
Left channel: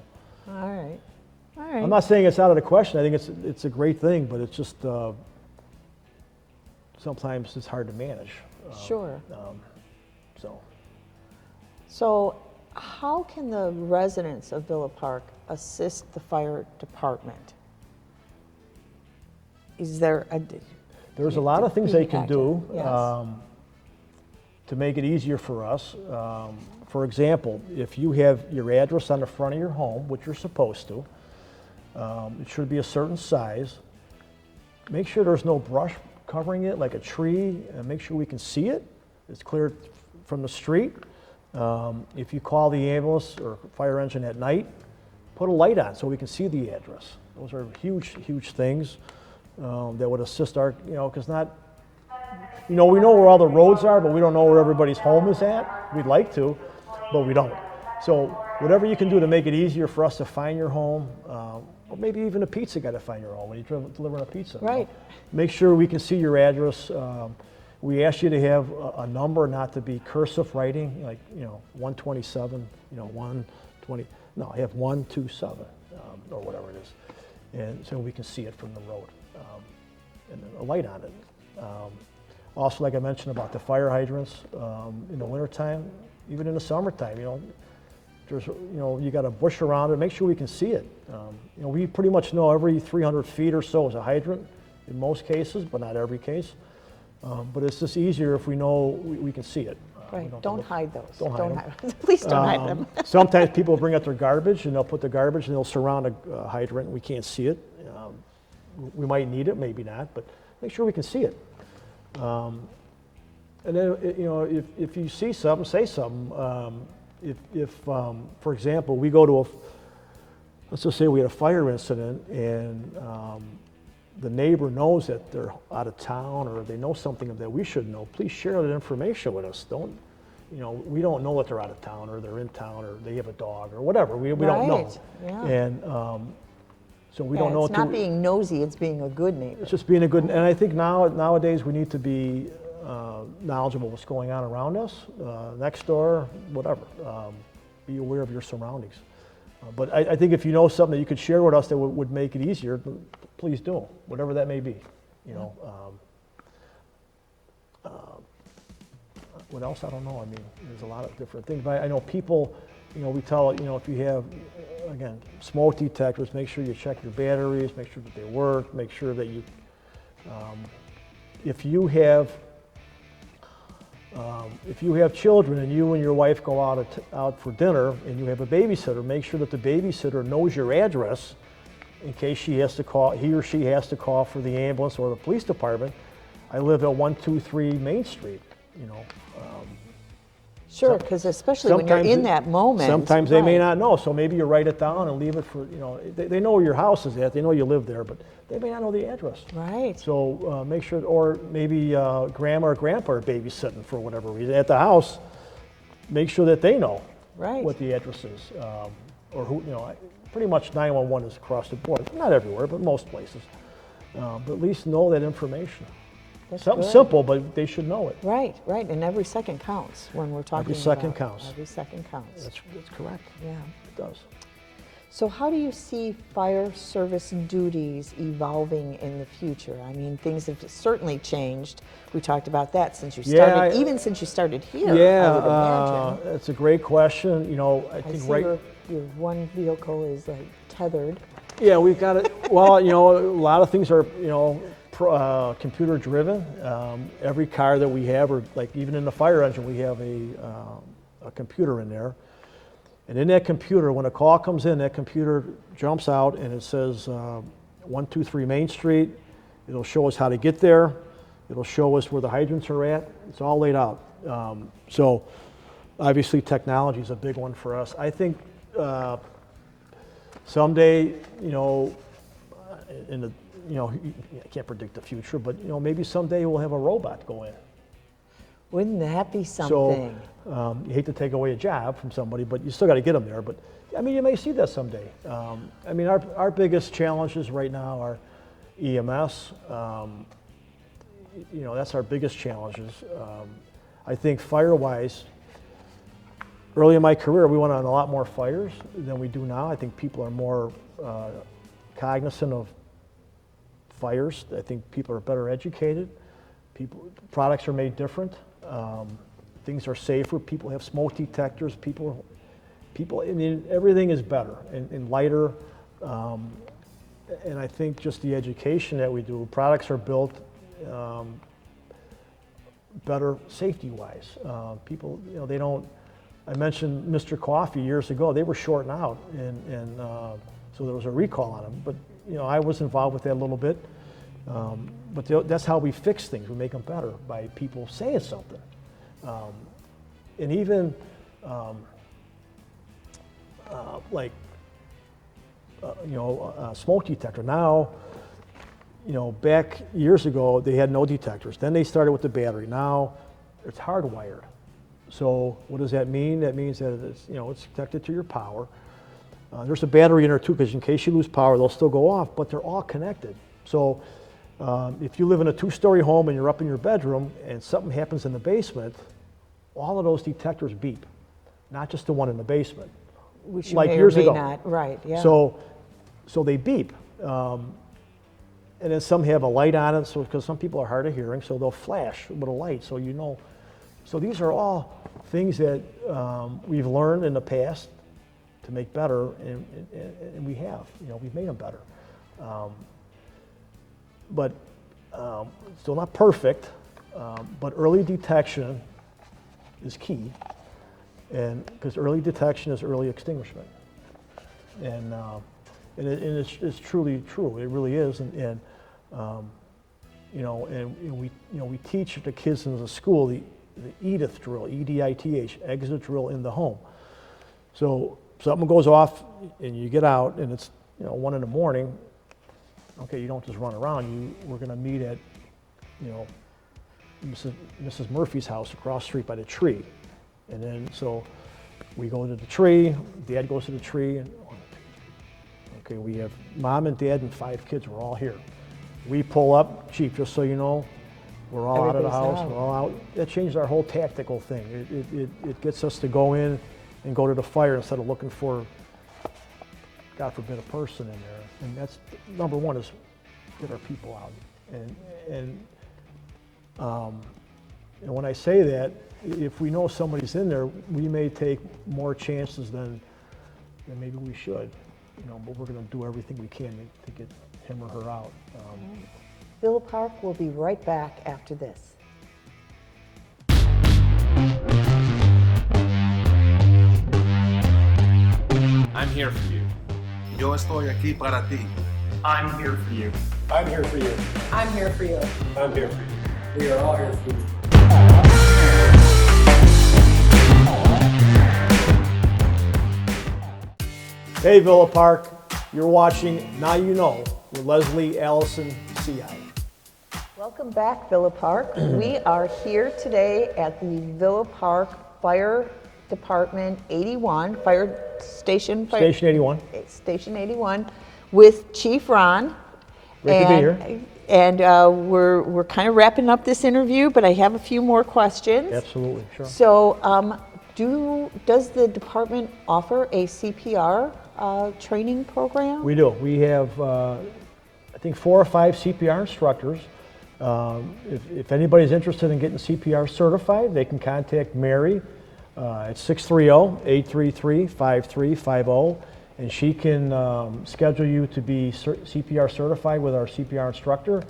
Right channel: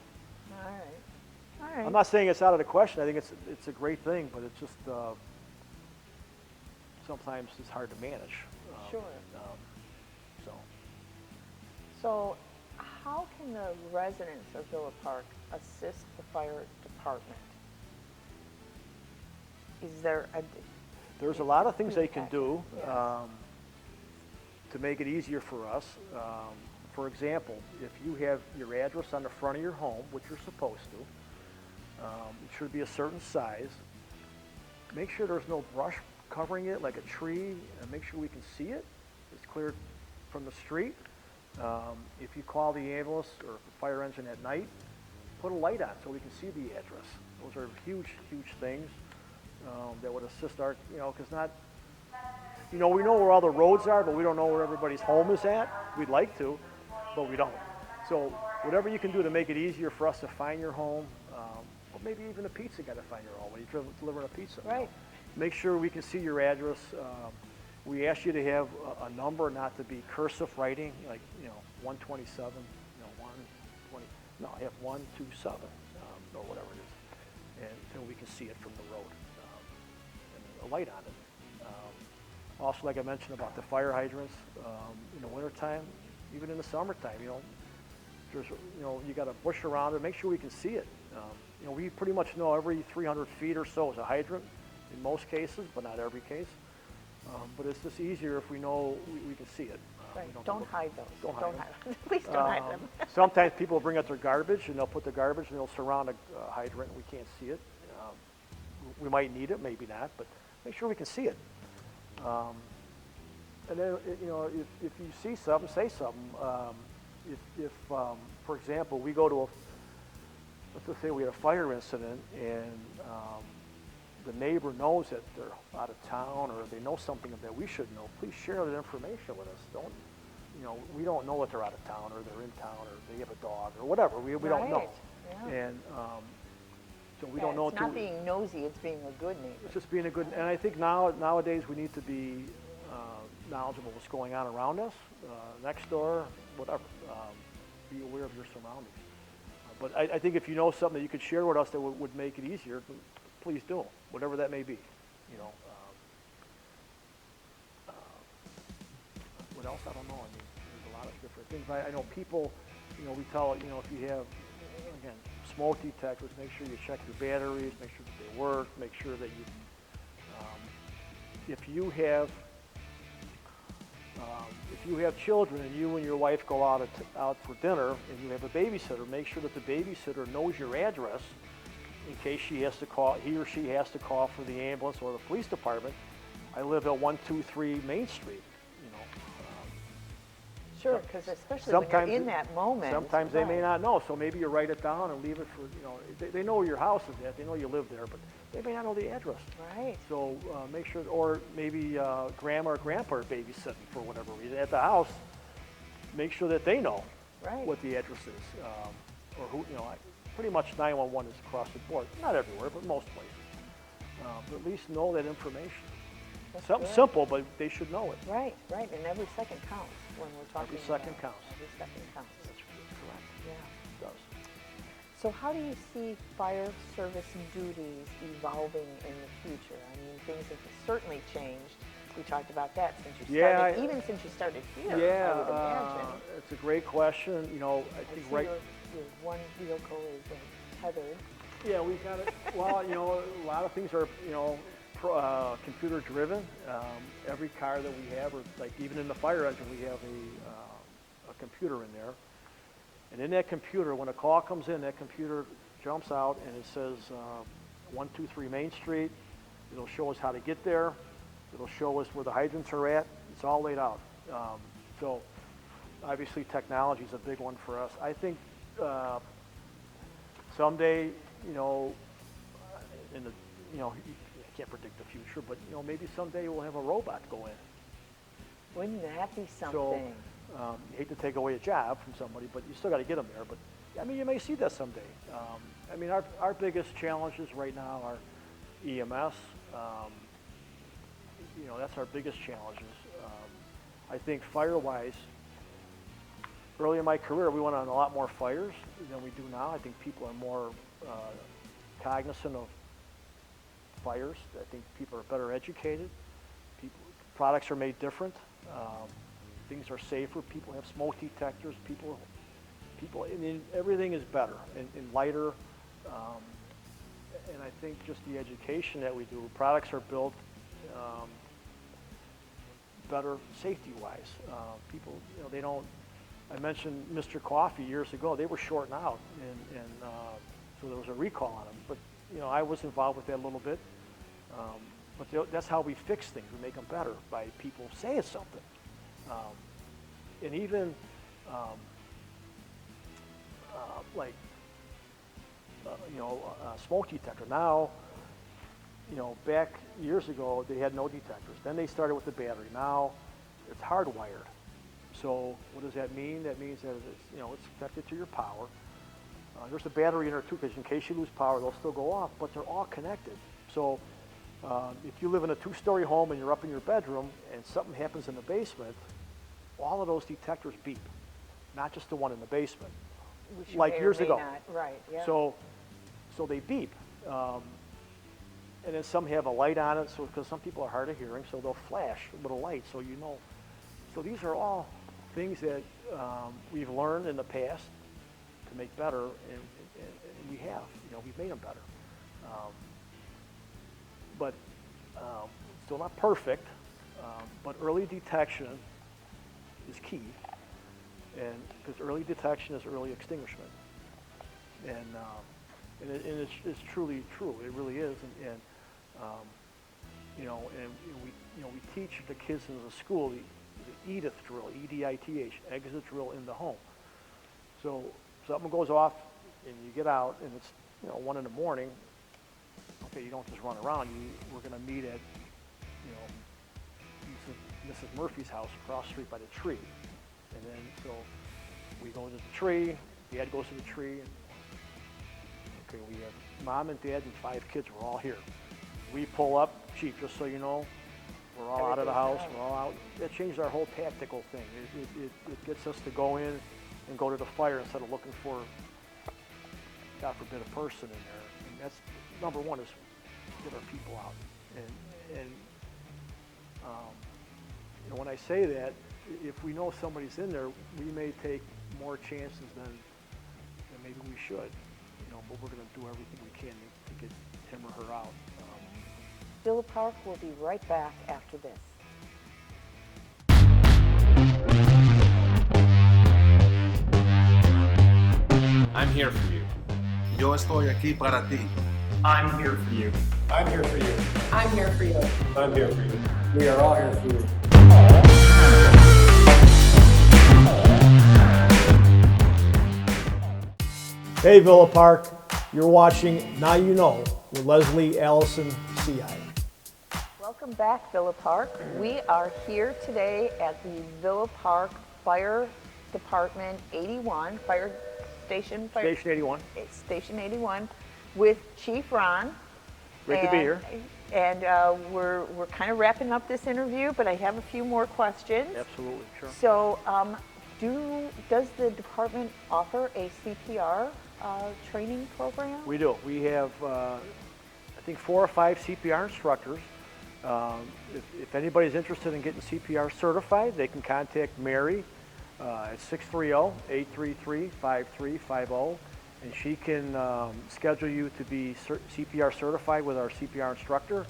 All right. All right. I'm not saying it's out of the question. I think it's a great thing, but it's just sometimes it's hard to manage. Sure. So So, how can the residents of Villa Park assist the fire department? Is there a? there's a lot of things they can do Yes. to make it easier for us. For example, if you have your address on the front of your home, which you're supposed to, it should be a certain size. Make sure there's no brush covering it, like a tree, and make sure we can see it. It's clear from the street. If you call the ambulance or fire engine at night, put a light on so we can see the address. Those are huge, huge things that would assist our, because not, we know where all the roads are, but we don't know where everybody's home is at. We'd like to, but we don't. So whatever you can do to make it easier for us to find your home, or maybe even a pizza guy to find your home when you deliver a pizza. Right. Make sure we can see your address. We ask you to have a number, not to be cursive writing, like 127, 120. No, have 127 or whatever it is, and so we can see it from the road, and a light on it. Also, like I mentioned about the fire hydrants, in the wintertime, even in the summertime, there's you got a bush around it. Make sure we can see it. We pretty much know every 300 feet or so is a hydrant in most cases, but not every case. But it's just easier if we know we can see it. Right. Don't hide those. Don't hide them. Please don't hide them. Sometimes people bring out their garbage and they'll put the garbage and they'll surround a hydrant and we can't see it. We might need it, maybe not, but make sure we can see it. And then, if you see something, say something. If for example, we go to let's just say we had a fire incident and the neighbor knows that they're out of town or they know something that we should know, please share that information with us. Don't, we don't know that they're out of town or they're in town or they have a dog or whatever. We don't know. Yeah. And so we don't know. It's not being nosy, it's being a good neighbor. It's just being a good, and I think nowadays we need to be knowledgeable of what's going on around us, next door, whatever. Be aware of your surroundings. But I think if you know something that you could share with us that would make it easier, please do, whatever that may be. What else? I don't know. I mean, there's a lot of different things. But I know people, we tell, if you have, again, smoke detectors, make sure you check your batteries, make sure that they work, make sure that you, if you have children and you and your wife go out for dinner and you have a babysitter, make sure that the babysitter knows your address in case he or she has to call for the ambulance or the police department. I live at 123 Main Street, Sure, because especially when you're in that moment. Sometimes they may not know, so maybe you write it down and leave it for, they know where your house is at, they know you live there, but they may not know the address. Right. So make sure, or maybe grandma or grandpa are babysitting for whatever reason at the house, make sure that they know what the address is, or who, pretty much 911 is across the board, not everywhere, but most places. But at least know that information. Something simple, but they should know it. Right, and every second counts when we're talking Every second counts. Every second counts. That's correct. Yeah. It does. So how do you see fire service duties evolving in the future? I mean, things have certainly changed. We talked about that since you started, even since you started here, I would imagine. It's a great question. I think see your one vehicle is tethered. Yeah, we've got it. Well, a lot of things are, computer driven. Every car that we have, or like even in the fire engine, we have a computer in there. And in that computer, when a call comes in, that computer jumps out and it says 123 Main Street. It'll show us how to get there. It'll show us where the hydrants are at. It's all laid out. So obviously technology is a big one for us. I think someday, I can't predict the future, but maybe someday we'll have a robot go in. Wouldn't that be something? So you hate to take away a job from somebody, but you still got to get them there. But I mean, you may see that someday. I mean, our biggest challenges right now are EMS. That's our biggest challenges. I think fire-wise, early in my career, we went on a lot more fires than we do now. I think people are more cognizant of fires. I think people are better educated. Products are made different. Things are safer. People have smoke detectors. I mean, everything is better and lighter. And I think just the education that we do, products are built better safety-wise. People, they don't. I mentioned Mr. Coffee years ago. They were shorting out, and so there was a recall on them. But I was involved with that a little bit. But that's how we fix things. We make them better by people saying something. And even like smoke detector. Now, back years ago they had no detectors. Then they started with the battery. Now it's hardwired. So what does that mean? That means that it's connected to your power. There's a battery in there too, because in case you lose power, they'll still go off. But they're all connected. So if you live in a 2-story home and you're up in your bedroom and something happens in the basement, all of those detectors beep, not just the one in the basement. Which like may years or may ago. not, right, yeah. So they beep. And then some have a light on it, so because some people are hard of hearing, so they'll flash with a light, so you know. So these are all things that we've learned in the past to make better, and we have. We've made them better. But still not perfect. But early detection is key, and because early detection is early extinguishment, and it's truly true. It really is, and we teach the kids in the school the EDITH drill, EDITH, exit drill in the home. So something goes off, and you get out, and it's 1 in the morning. Okay, you don't just run around. We're going to meet at Mrs. Murphy's house across the street by the tree, and then so we go to the tree. Dad goes to the tree, and okay, we have mom and dad and 5 kids. We're all here. We pull up, Chief, just so you know, we're all out of the house. We're all out. That changed our whole tactical thing. It gets us to go in and go to the fire instead of looking for, God forbid, a person in there. And that's number one, is get our people out. And when I say that, if we know somebody's in there, we may take more chances than maybe we should. But we're going to do everything we can to get him or her out. Villa Park will be right back after this. I'm here for you. Yo estoy aquí para ti. I'm here for you. I'm here for you. I'm here for you. I'm here for you. We are all here for you. Hey, Villa Park, you're watching Now You Know with Leslie Allison, CI. Welcome back, Villa Park. We are here today at the Villa Park Fire Department 81, Fire Station. Station 81. Station 81, with Chief Ron. Great to be here. And we're kind of wrapping up this interview, but I have a few more questions. Absolutely, sure. So, does the department offer a CPR training program? We do. We have, I think, 4 or 5 CPR instructors. If anybody's interested in getting CPR certified, they can contact Mary at 630-833-5350, and she can schedule you to be CPR certified with our CPR instructor.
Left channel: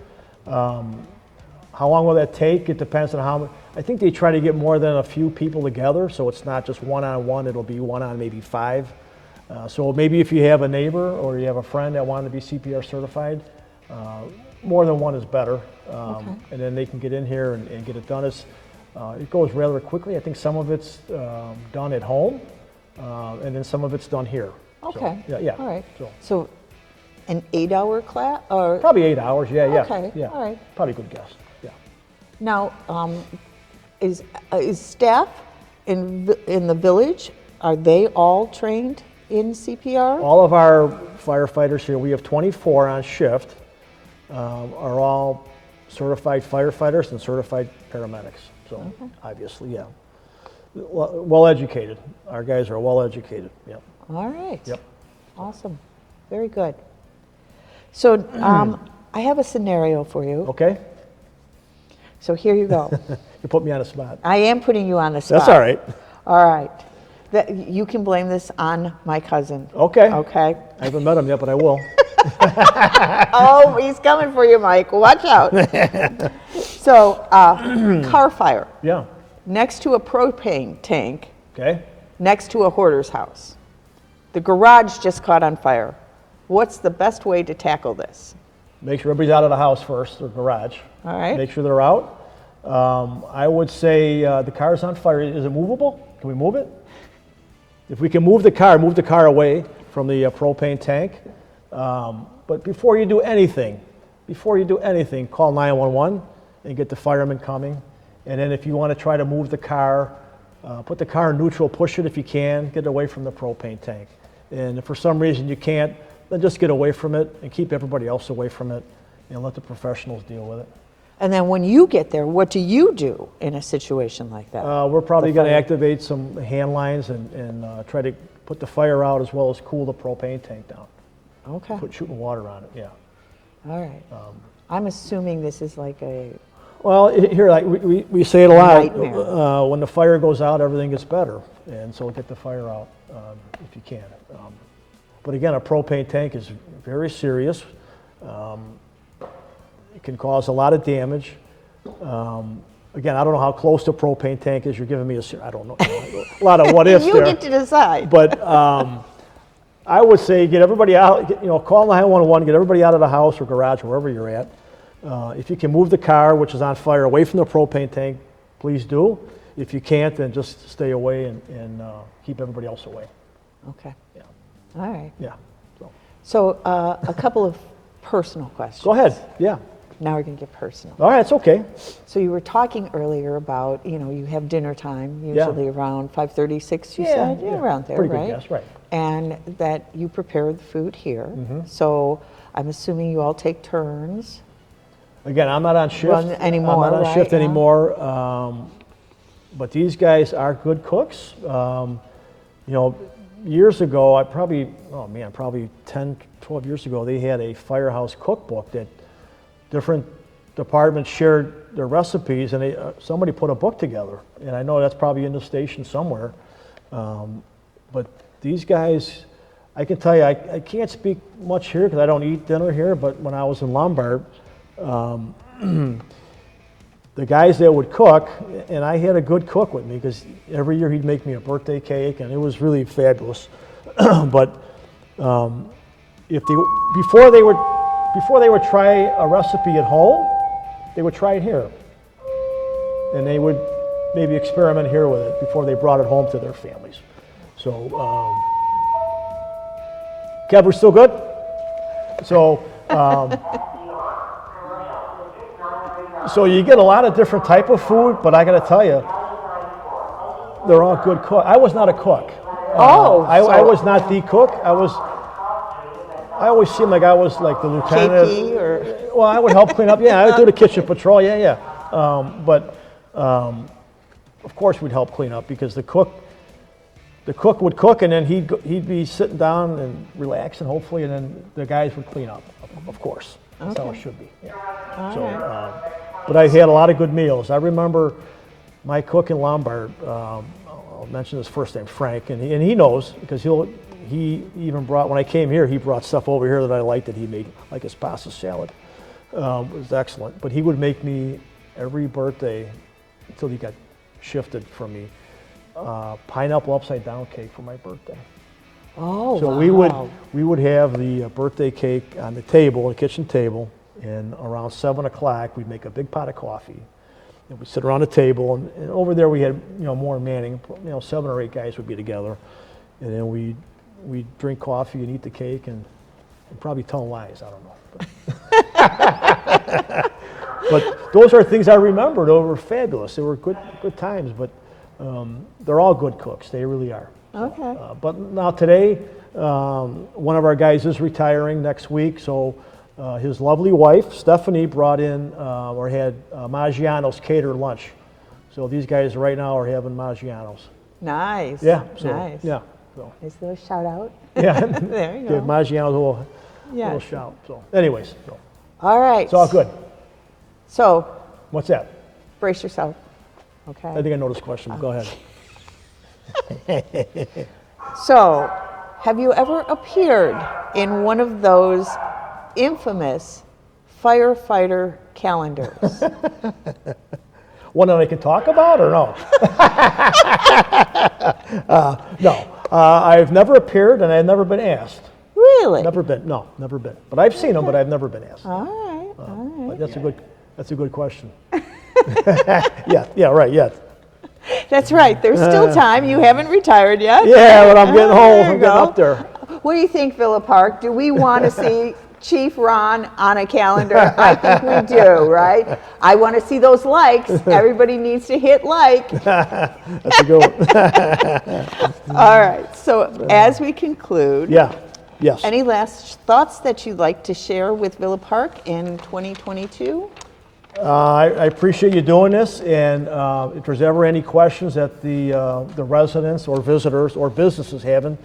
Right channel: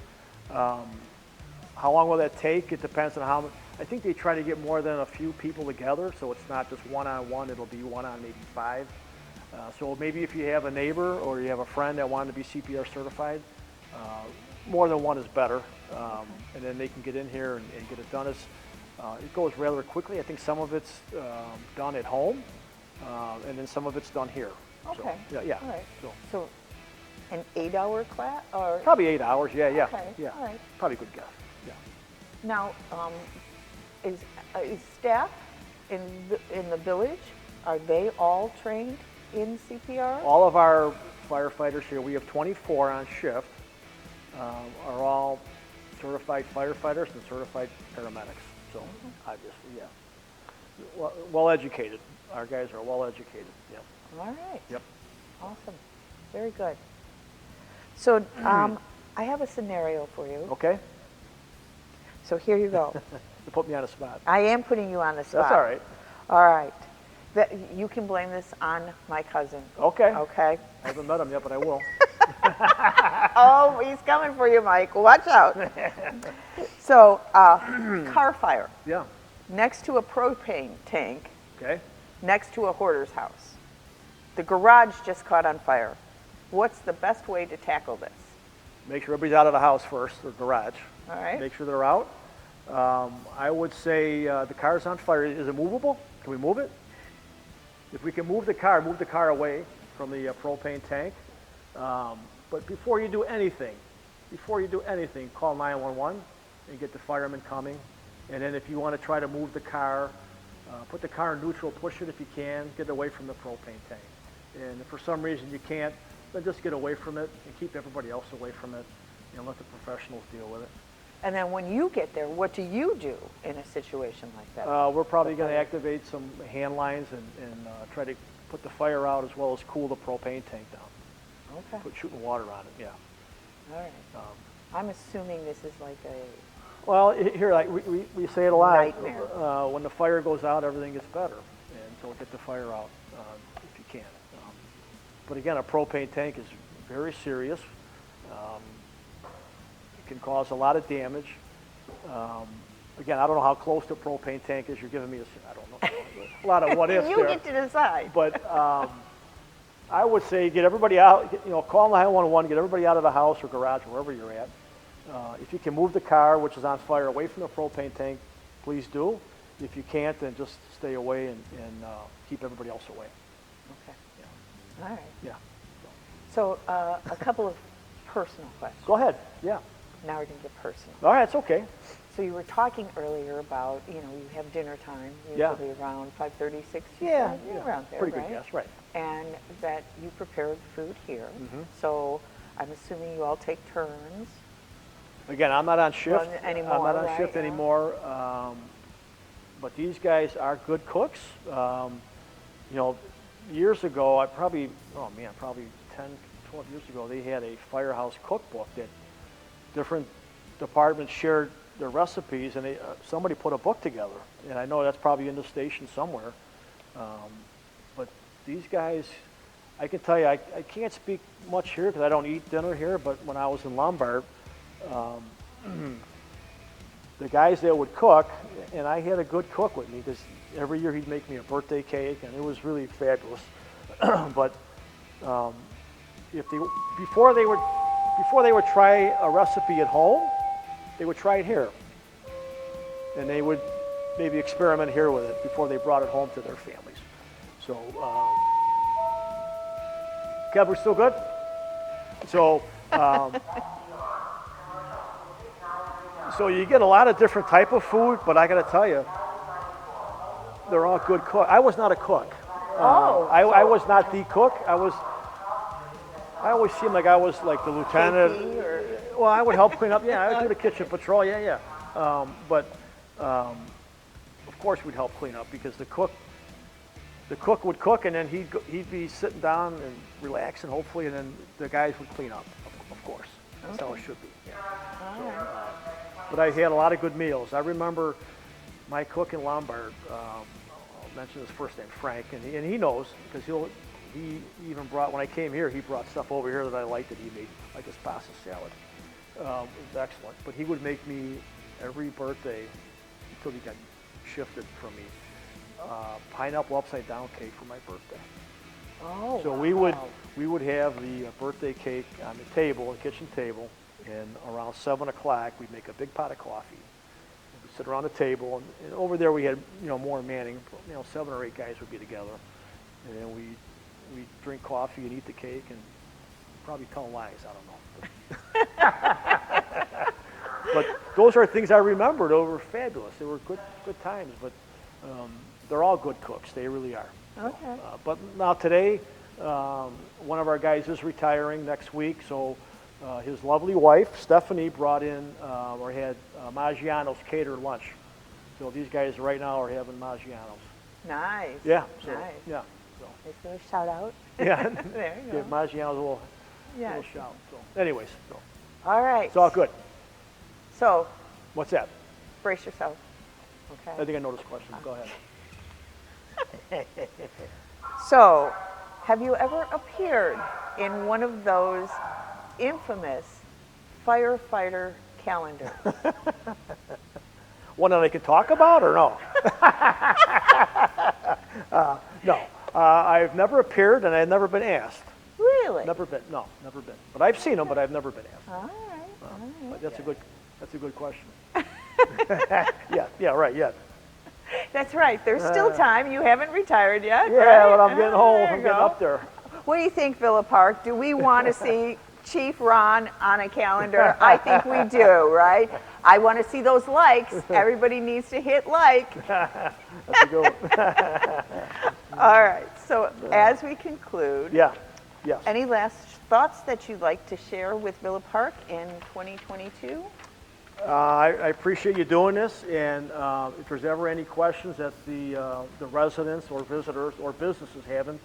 How long will that take? It depends on how. I think they try to get more than a few people together, so it's not just one-on-one. It'll be one on maybe 5. So maybe if you have a neighbor or you have a friend that wanted to be CPR certified, more than one is better. Okay. And then they can get in here and get it done. It goes rather quickly. I think some of it's done at home, and then some of it's done here. Okay. So, yeah. All right. So an 8-hour class, or probably 8 hours. Yeah. Okay. Yeah. All right. Probably a good guess. Yeah. Now, is staff in the village, are they all trained in CPR? All of our firefighters here, we have 24 on shift, are all certified firefighters and certified paramedics. So obviously, yeah, well educated. Our guys are well educated, yeah. All right. Yep. Awesome. Very good. So I have a scenario for you. Okay? So here you go. You put me on the spot. I am putting you on the spot. That's all right. All right. You can blame this on my cousin. Okay. Okay. I haven't met him yet, but I will. Oh, he's coming for you, Mike. Watch out. So, car fire Yeah, next to a propane tank, okay. next to a hoarder's house. The garage just caught on fire. What's the best way to tackle this? Make sure everybody's out of the house first, or garage. All right. Make sure they're out. I would say the car's on fire. Is it movable? Can we move it? If we can move the car away from the propane tank. But before you do anything, call 911 and get the firemen coming. And then if you want to try to move the car, put the car in neutral, push it if you can, get away from the propane tank. And if for some reason you can't, then just get away from it and keep everybody else away from it and let the professionals deal with it. And then when you get there, what do you do in a situation like that? We're probably going to activate some hand lines and try to put the fire out as well as cool the propane tank down. Okay. Put shooting water on it, yeah. All right. I'm assuming this is like a, Well, here, like we say it a lot. Nightmare. When the fire goes out, everything gets better, and so get the fire out if you can. But again, a propane tank is very serious. It can cause a lot of damage. Again, I don't know how close the propane tank is. You're giving me I don't know, a lot of what ifs you there. get to decide. But I would say get everybody out. Call 911. Get everybody out of the house or garage, wherever you're at. If you can move the car, which is on fire, away from the propane tank, please do. If you can't, then just stay away and keep everybody else away. Okay. All right. Yeah. So a couple of personal questions. Go ahead. Yeah. Now we're going to get personal. All right. It's okay. So you were talking earlier about, you have dinner time, Yeah. usually around 5:36, you said? Yeah, around there, Pretty right? good guess, right. And that you prepare the food here. Mhm. So I'm assuming you all take turns. Again, I'm not on shift Run anymore, I'm not on right? shift Yeah. anymore. But these guys are good cooks. Years ago, probably 10, 12 years ago, they had a firehouse cookbook that different departments shared their recipes, and somebody put a book together. And I know that's probably in the station somewhere. But these guys, I can tell you, I can't speak much here because I don't eat dinner here, but when I was in Lombard, the guys that would cook, and I had a good cook with me because every year he'd make me a birthday cake, and it was really fabulous. But before they would try a recipe at home, they would try it here, and they would maybe experiment here with it before they brought it home to their families. So, Kev, we're still good. So. So you get a lot of different type of food, but I got to tell you, they're all good cooks. I was not a cook. I was not the cook. I always seemed like I was like the lieutenant. KP or? Well, I would help clean up. Yeah, I would do the kitchen patrol. Yeah. But of course we'd help clean up because the cook would cook, and then he'd be sitting down and relaxing, hopefully, and then the guys would clean up. Of course, that's how it should be. Yeah. So. But I had a lot of good meals. I remember my cook in Lombard, I'll mention his first name, Frank, and he knows because he even brought, when I came here, he brought stuff over here that I liked that he made, like his pasta salad. It was excellent. But he would make me every birthday until he got shifted from me, pineapple upside down cake for my birthday. Oh, So wow. we would have the birthday cake on the table, the kitchen table, and around 7 o'clock we'd make a big pot of coffee. And we'd sit around the table, and over there we had more manning. 7 or 8 guys would be together, and then we'd drink coffee and eat the cake and probably tell lies. I don't know. But those are things I remember. They were fabulous. They were good times. But they're all good cooks. They really are. Okay. But now today, one of our guys is retiring next week, so his lovely wife, Stephanie, brought in had Maggiano's catered lunch. So these guys right now are having Maggiano's. Nice. Yeah, so, Nice. yeah. So, Is there a shout out? yeah. There you Give go. Maggiano's a little Yeah. shout. So, anyways, so, All right. it's all good. So, What's that? brace yourself. I Okay. think I know this question, but go ahead. So, have you ever appeared in one of those infamous firefighter calendars? One that I can talk about or no? No. I've never appeared and I've never been asked. Really? Never been. No, never been. But I've seen them, but I've never been asked. All right. All right. But that's a good question. Yeah, right, yeah. That's right. There's still time. You haven't retired yet. Yeah, but I'm getting old. There you I'm getting go. up there. What do you think, Villa Park? Do we want to see Chief Ron on a calendar? I think we do, right? I want to see those likes. Everybody needs to hit like. That's a good one. All right. So as we conclude, Yeah, yes. any last thoughts that you'd like to share with Villa Park in 2022? I appreciate you doing this, and if there's ever any questions that the residents or visitors or businesses have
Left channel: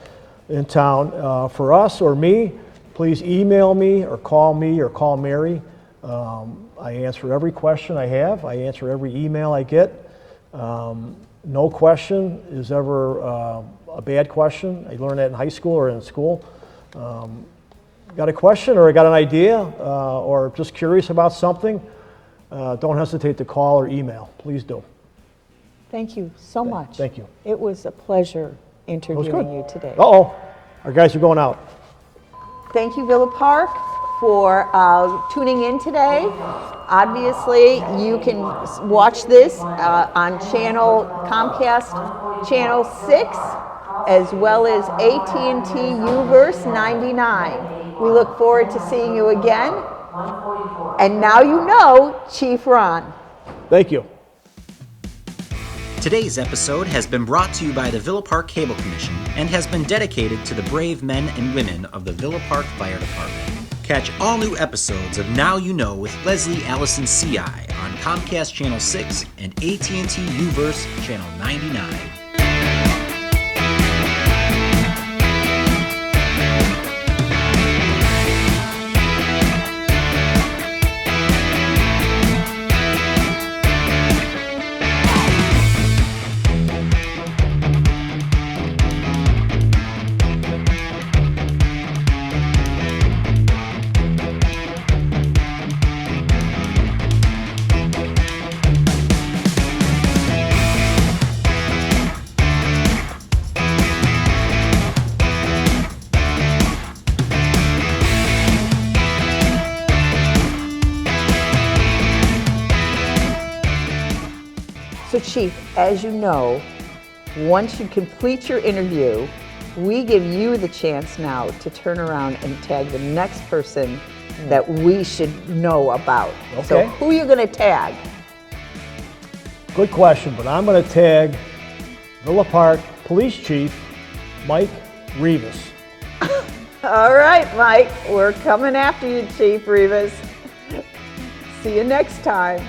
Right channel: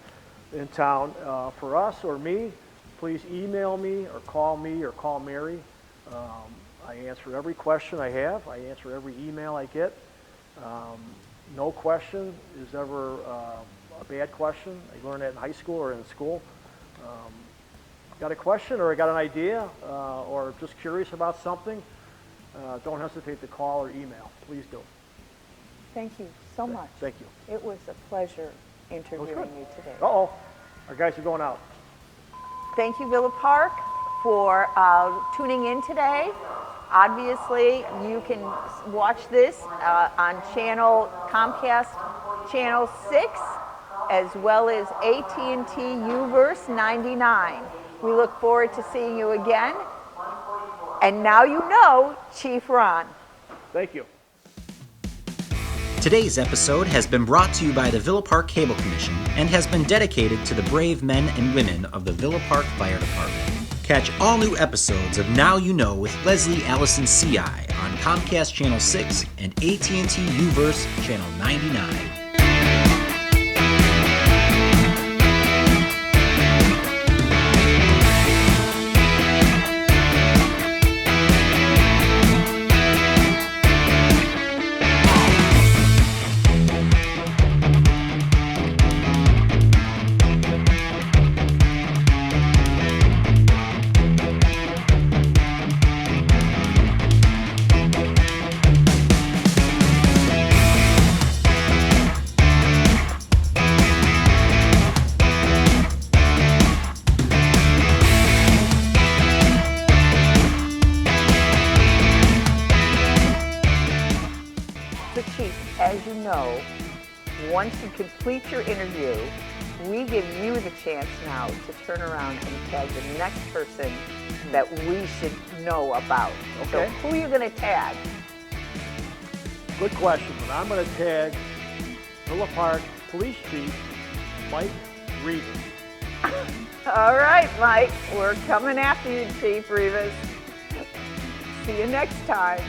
in town for us or me, please email me or call Mary. I answer every question I have. I answer every email I get. No question is ever a bad question. I learned that in high school or in school. Got a question or got an idea or just curious about something, don't hesitate to call or email. Please do. Thank you so much. Thank you. It was a pleasure interviewing good. you today. Uh-oh, our guys are going out. Thank you, Villa Park, for tuning in today. Obviously, you can watch this on Comcast Channel 6, as well as AT&T Uverse 99. We look forward to seeing you again. And now you know Chief Ron. Thank you. Today's episode has been brought to you by the Villa Park Cable Commission and has been dedicated to the brave men and women of the Villa Park Fire Department. Catch all new episodes of Now You Know with Leslie Allison CI on Comcast Channel 6 and AT&T Uverse Channel 99. So, Chief, as you know, once you complete your interview, we give you the chance now to turn around and tag the next person that we should know about. So, Okay. who are you going to tag? Good question, but I'm going to tag Villa Park Police Chief Mike Rivas. All right, Mike, we're coming after you, Chief Rivas. See you next time.